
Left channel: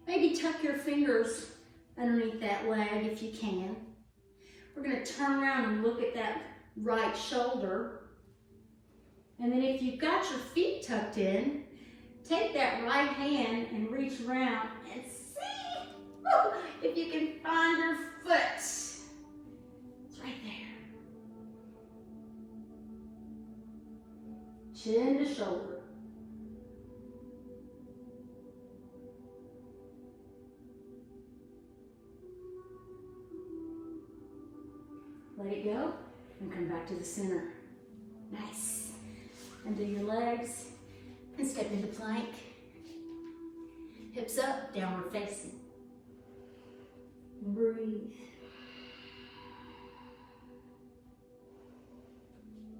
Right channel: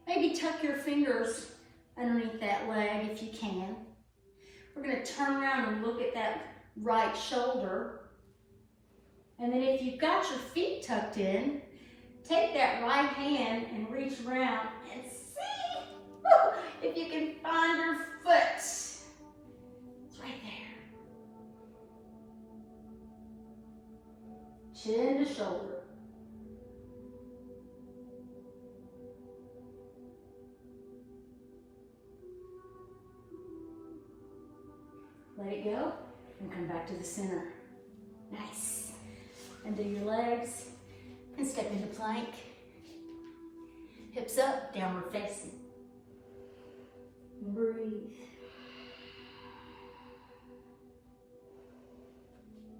Maybe tuck your fingers underneath that leg if you can. We're going to turn around and look at that right shoulder. And then if you've got your feet tucked in, take that right hand and reach around and see if you can find your foot. It's right there. chin to shoulder. Let it go and come back to the center. Nice. And do your legs and step into plank. Hips up, downward facing. Breathe.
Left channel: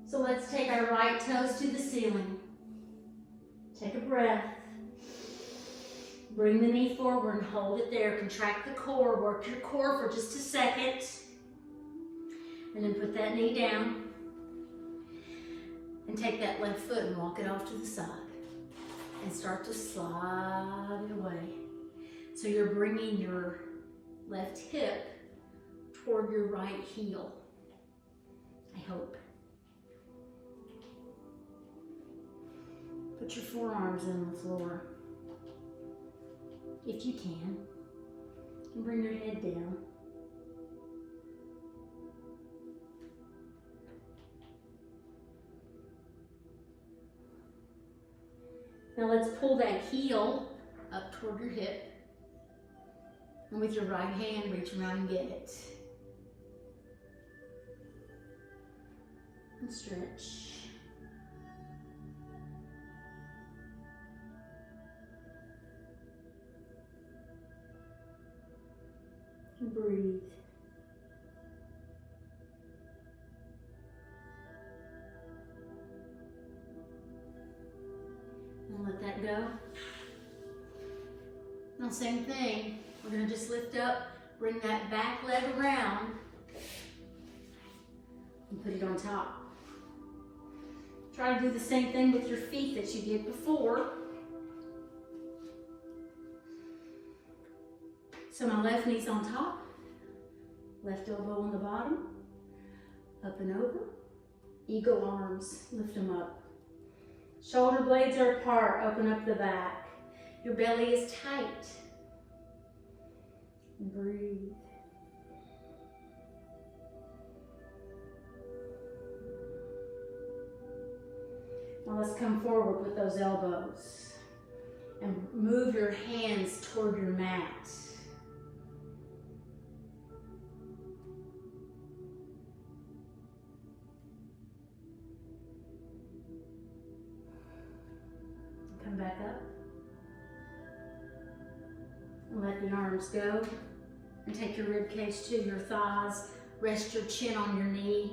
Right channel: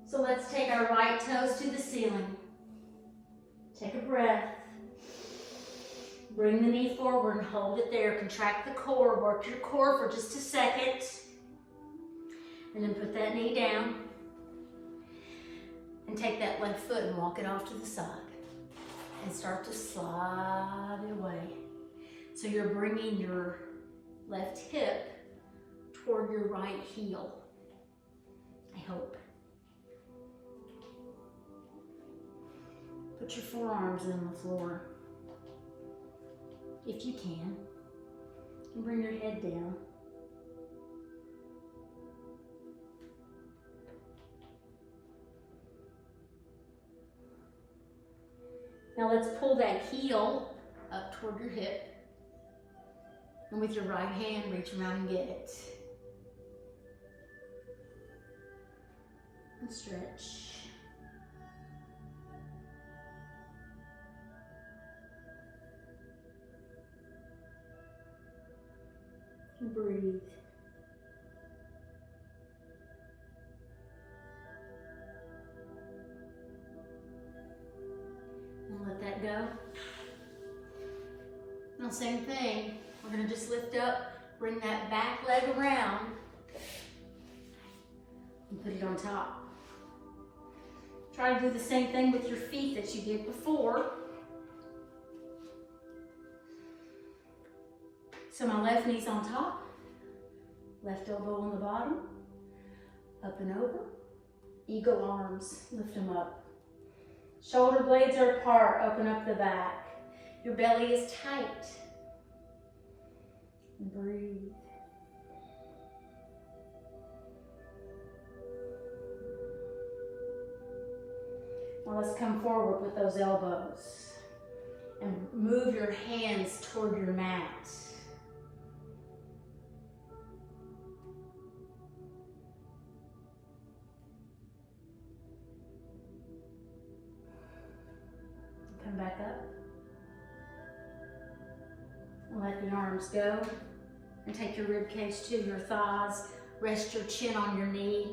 So let's take our right toes to the ceiling. Take a breath. Bring the knee forward and hold it there. Contract the core. Work your core for just a second. And then put that knee down. And take that left foot and walk it off to the side. And start to slide it away. So you're bringing your left hip toward your right heel. I hope. Put your forearms on the floor, if you can. And bring your head down. Now let's pull that heel up toward your hip. And with your right hand, reach around and get it. And stretch. And breathe. And let that go. Now same thing. We're going to just lift up, bring that back leg around, and put it on top. Try to do the same thing with your feet that you did before. So my left knee's on top, left elbow on the bottom, up and over. Eagle arms, lift them up. Shoulder blades are apart, open up the back. Your belly is tight. Breathe. Now let's come forward with those elbows and move your hands toward your mat. Come back up. And let the arms go. And take your rib cage to your thighs. Rest your chin on your knee.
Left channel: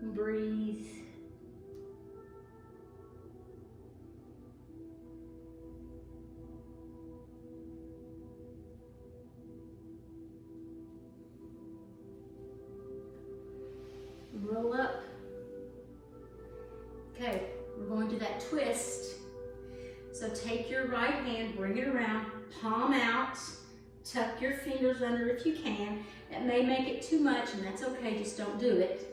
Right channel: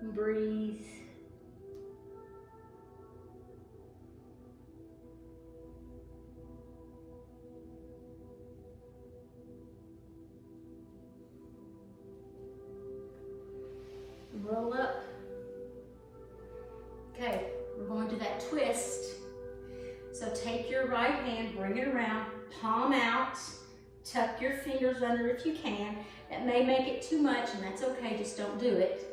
And breathe. And roll up. Okay, we're going to that twist. So take your right hand, bring it around, palm out. Tuck your fingers under if you can. That may make it too much, and that's okay, just don't do it.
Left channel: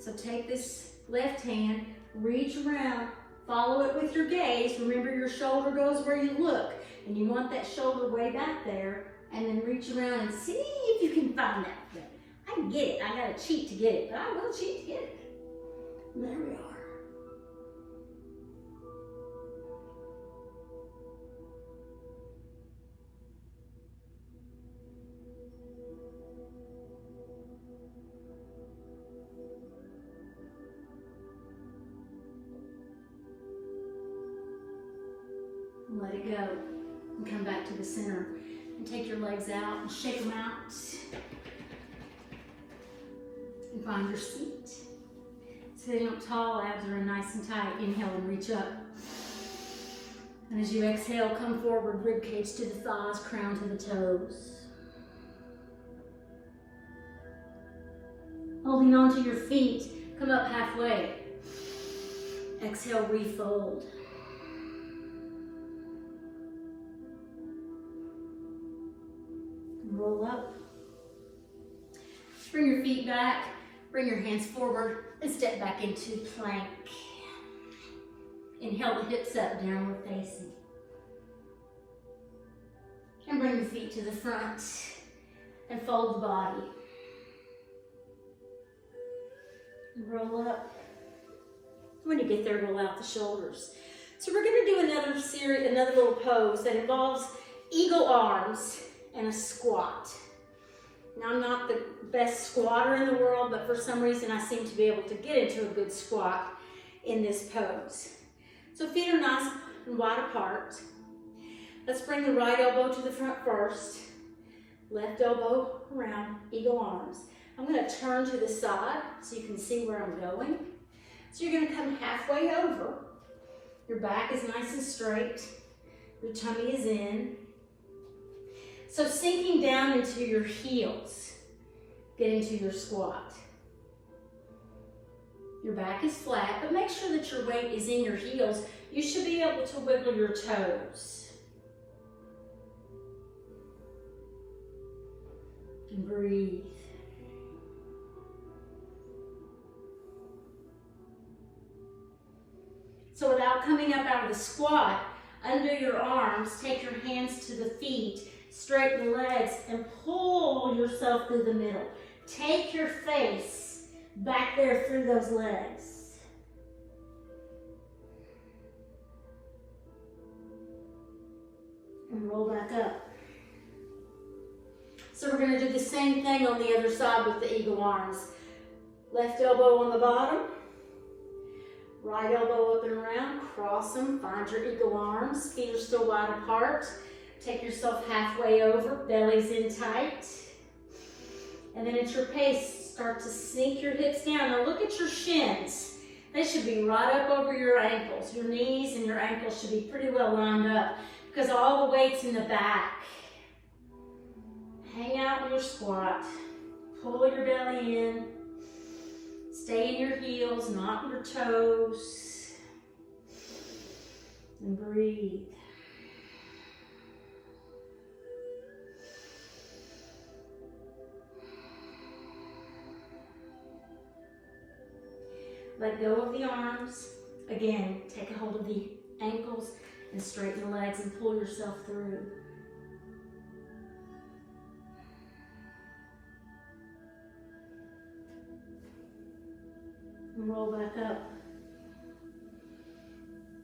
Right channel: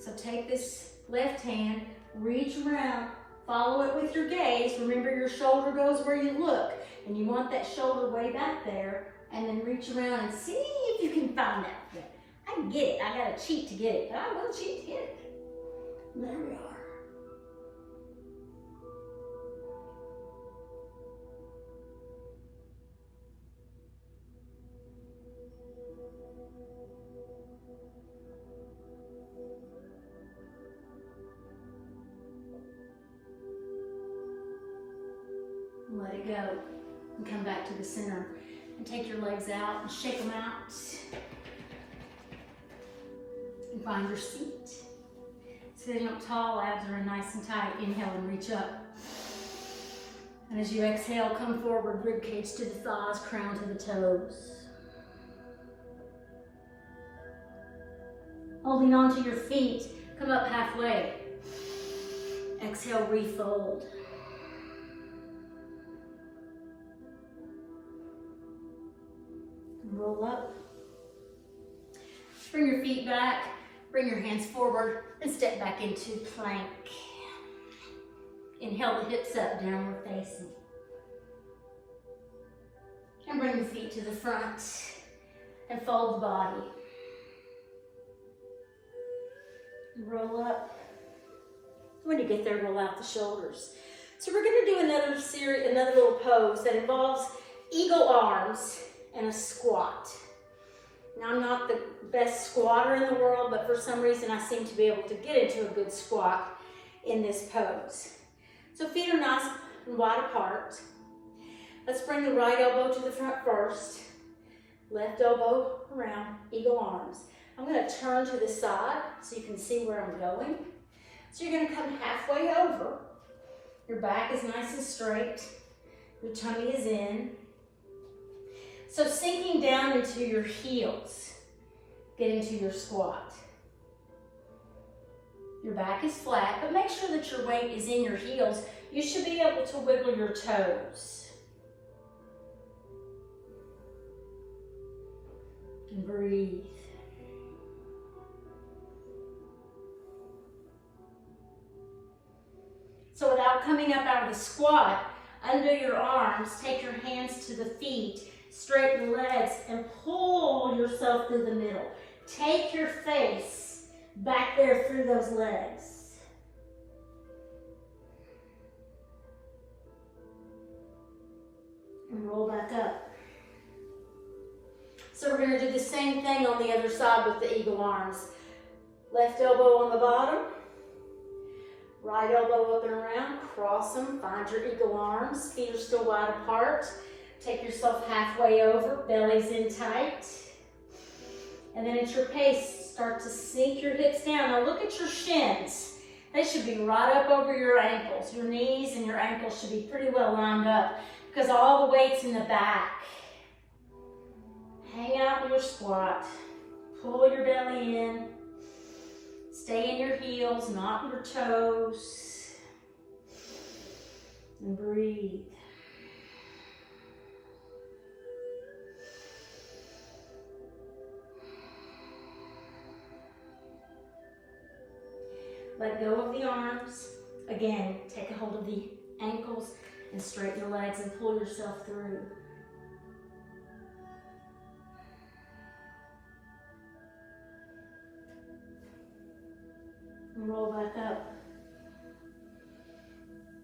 So take this left hand, reach around, follow it with your gaze. Remember your shoulder goes where you look, and you want that shoulder way back there, and then reach around and see if you can find that thing. I get it, I gotta cheat to get it, but I will cheat to get it. There we are. Let it go and come back to the center and take your legs out and shake them out and find your seat. Sitting up tall, abs are nice and tight. Inhale and reach up. And as you exhale, come forward, rib cage to the thighs, crown to the toes. Holding on to your feet, come up halfway. Exhale, refold. Roll up. Bring your feet back. Bring your hands forward and step back into plank. Inhale the hips up, downward facing. And bring the feet to the front and fold the body. Roll up. When you get there, roll out the shoulders. So we're going to do another little pose that involves eagle arms and a squat. Now, I'm not the best squatter in the world, but for some reason I seem to be able to get into a good squat in this pose. So feet are nice and wide apart. Let's bring the right elbow to the front first. Left elbow around, eagle arms. I'm going to turn to the side so you can see where I'm going. So you're going to come halfway over. Your back is nice and straight. Your tummy is in. So sinking down into your heels, get into your squat. Your back is flat, but make sure that your weight is in your heels. You should be able to wiggle your toes. And breathe. So without coming up out of the squat, under your arms, take your hands to the feet, straighten your legs, and pull yourself through the middle. Take your face back there through those legs. And roll back up. So we're going to do the same thing on the other side with the eagle arms. Left elbow on the bottom. Right elbow up and around, cross them, find your eagle arms, feet are still wide apart. Take yourself halfway over, belly's in tight. And then at your pace, start to sink your hips down. Now look at your shins. They should be right up over your ankles. Your knees and your ankles should be pretty well lined up because all the weight's in the back. Hang out with your squat. Pull your belly in. Stay in your heels, not your toes. And breathe. Let go of the arms. Again, take a hold of the ankles and straighten the legs and pull yourself through. And roll back up.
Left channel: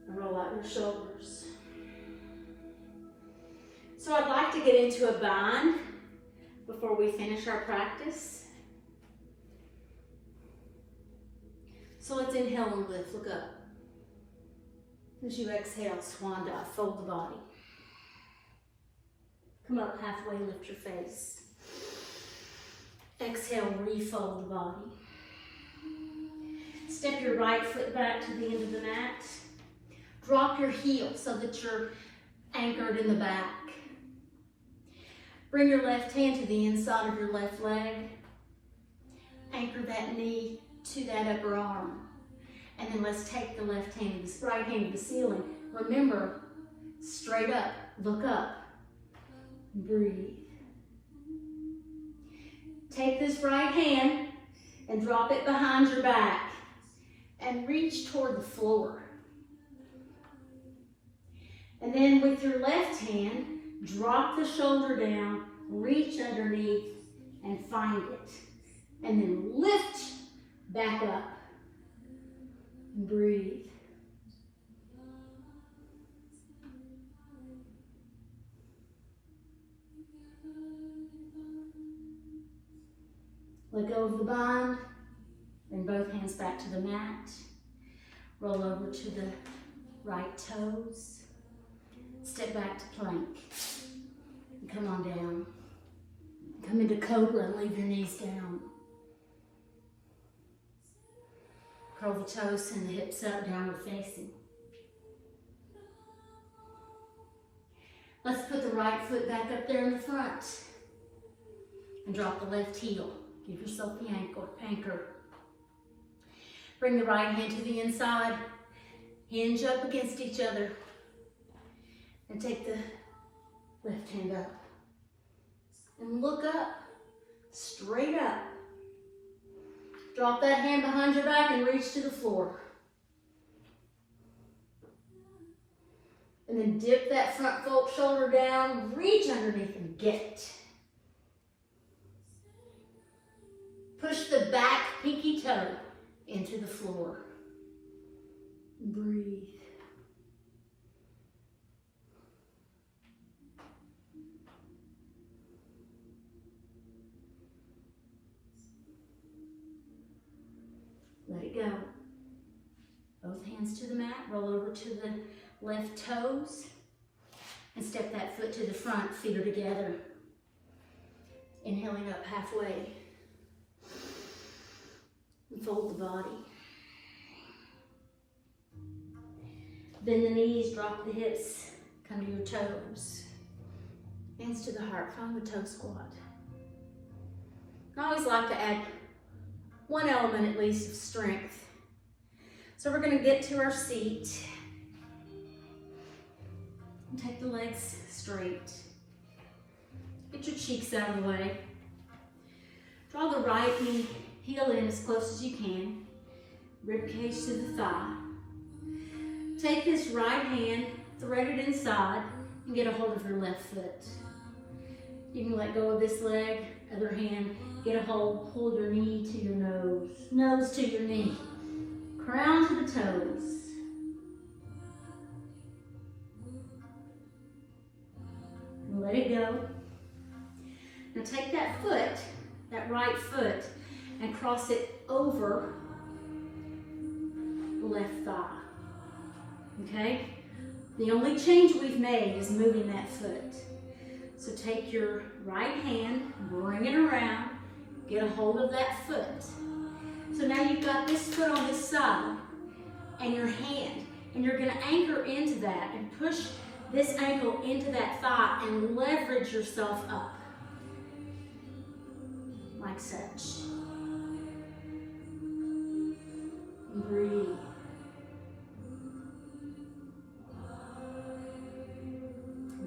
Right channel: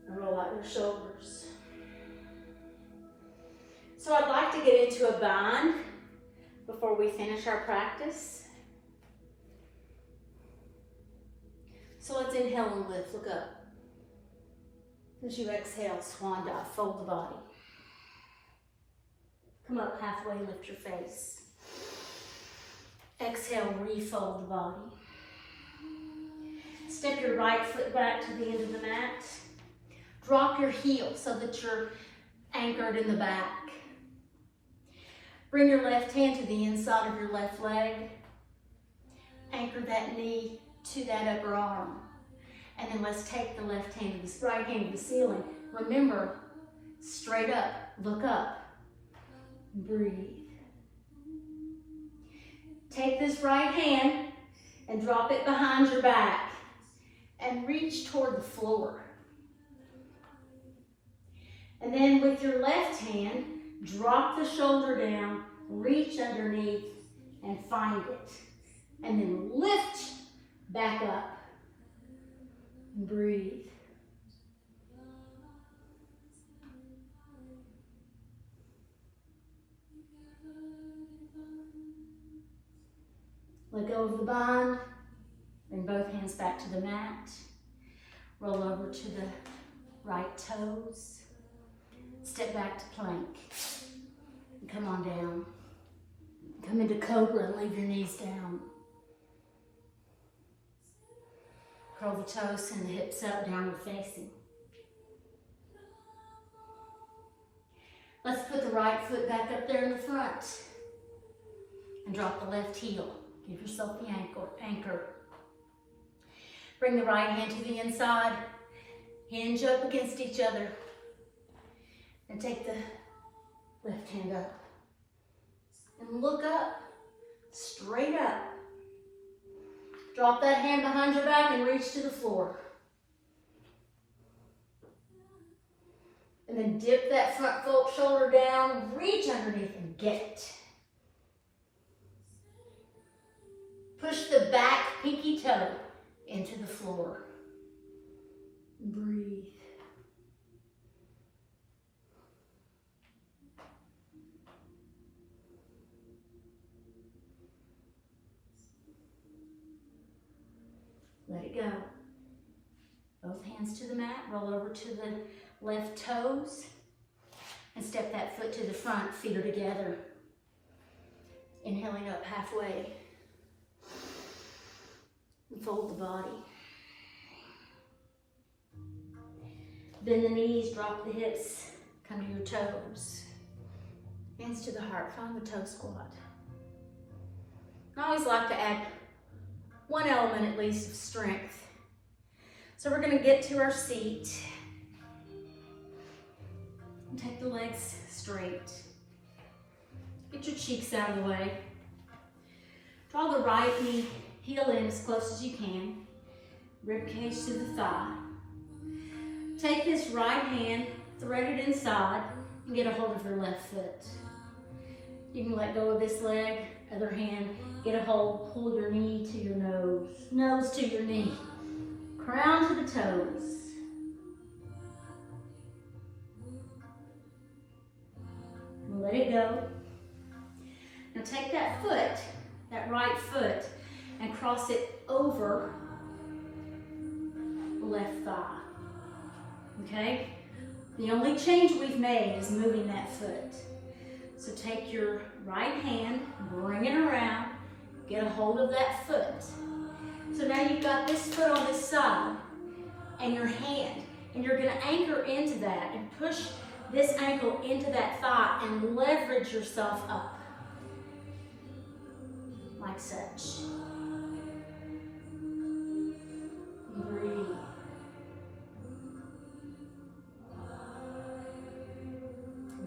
And roll out your shoulders. So I'd like to get into a bind before we finish our practice. So let's inhale and lift. Look up. As you exhale, swan dive, fold the body. Come up halfway, lift your face. Exhale, refold the body. Step your right foot back to the end of the mat. Drop your heel so that you're anchored in the back. Bring your left hand to the inside of your left leg. Anchor that knee to that upper arm. And then let's take the left hand, this right hand to the ceiling. Remember, straight up, look up, breathe. Take this right hand and drop it behind your back and reach toward the floor. And then with your left hand, drop the shoulder down, reach underneath and find it. And then lift back up. Breathe. Let go of the bind. Bring both hands back to the mat. Roll over to the right toes. Step back to plank. And come on down. Come into cobra and leave your knees down. Curl the toes and the hips up, downward facing. Let's put the right foot back up there in the front. And drop the left heel. Give yourself the anchor. Bring the right hand to the inside. Hinge up against each other. And take the left hand up. And look up. Straight up. Drop that hand behind your back and reach to the floor. And then dip that front fold shoulder down, reach underneath and get it. Push the back pinky toe into the floor. Breathe. Let it go. Both hands to the mat, roll over to the left toes, and step that foot to the front, feet are together. Inhaling up halfway. And fold the body. Bend the knees, drop the hips, come to your toes. Hands to the heart, find the toe squat. I always like to add one element at least of strength. So we're going to get to our seat. And take the legs straight. Get your cheeks out of the way. Draw the right knee, heel in as close as you can. Rib cage to the thigh. Take this right hand, thread it inside, and get a hold of your left foot. You can let go of this leg, other hand, get a hold, pull your knee to your nose, nose to your knee, crown to the toes. And let it go. Now take that foot, that right foot, and cross it over the left thigh. Okay? The only change we've made is moving that foot. So take your right hand, bring it around, get a hold of that foot. So now you've got this foot on this side and your hand, and you're going to anchor into that and push this ankle into that thigh and leverage yourself up like such. Breathe.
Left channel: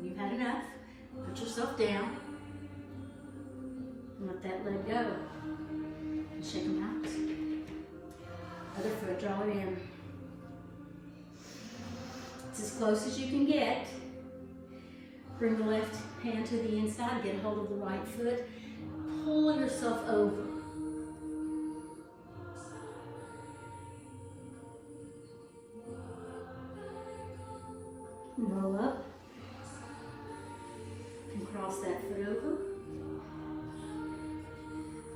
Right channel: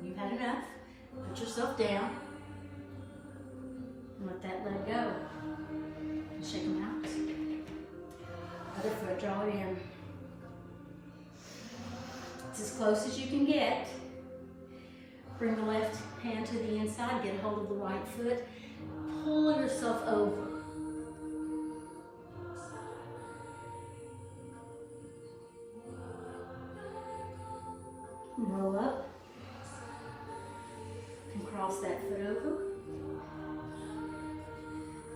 You've had enough. Let yourself down and let that leg go. And shake them out. Other foot, draw it in. It's as close as you can get. Bring the left hand to the inside, get a hold of the right foot. Pull yourself over. And roll up. And cross that foot over.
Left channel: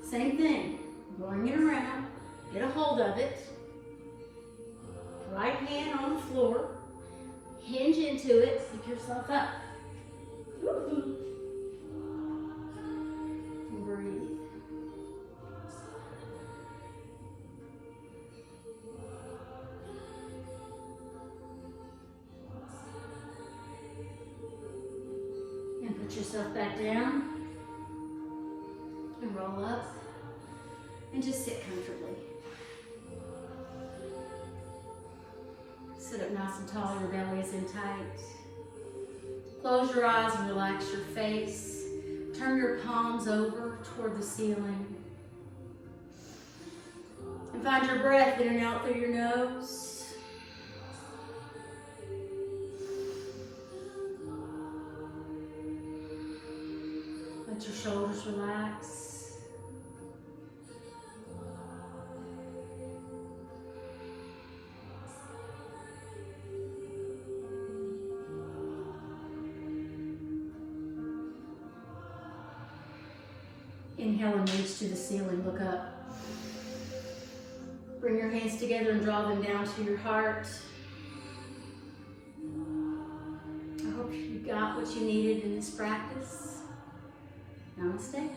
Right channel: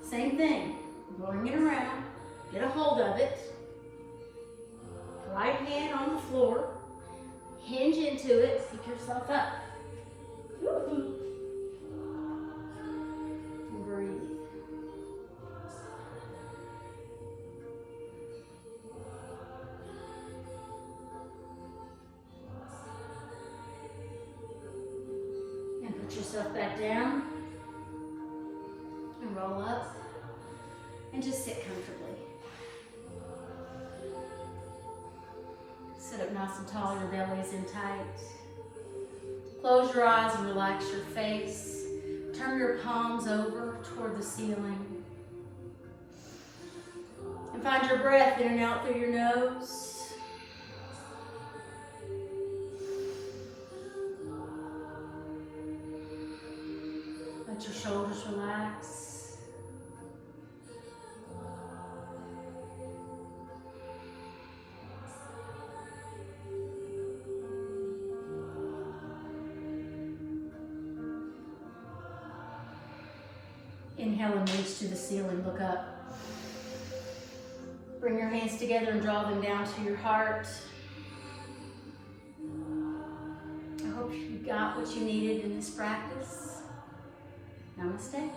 Same thing. Bring it around. Get a hold of it. Right hand on the floor. Hinge into it. Pick yourself up. Woo-hoo. And breathe. And put yourself back down. And roll up. And just sit comfortably. Sit up nice and tall, your belly is in tight. Close your eyes and relax your face. Turn your palms over toward the ceiling. And find your breath in and out through your nose. Let your shoulders relax. Inhale and reach to the ceiling, look up. Bring your hands together and draw them down to your heart. I hope you got what you needed in this practice. Namaste.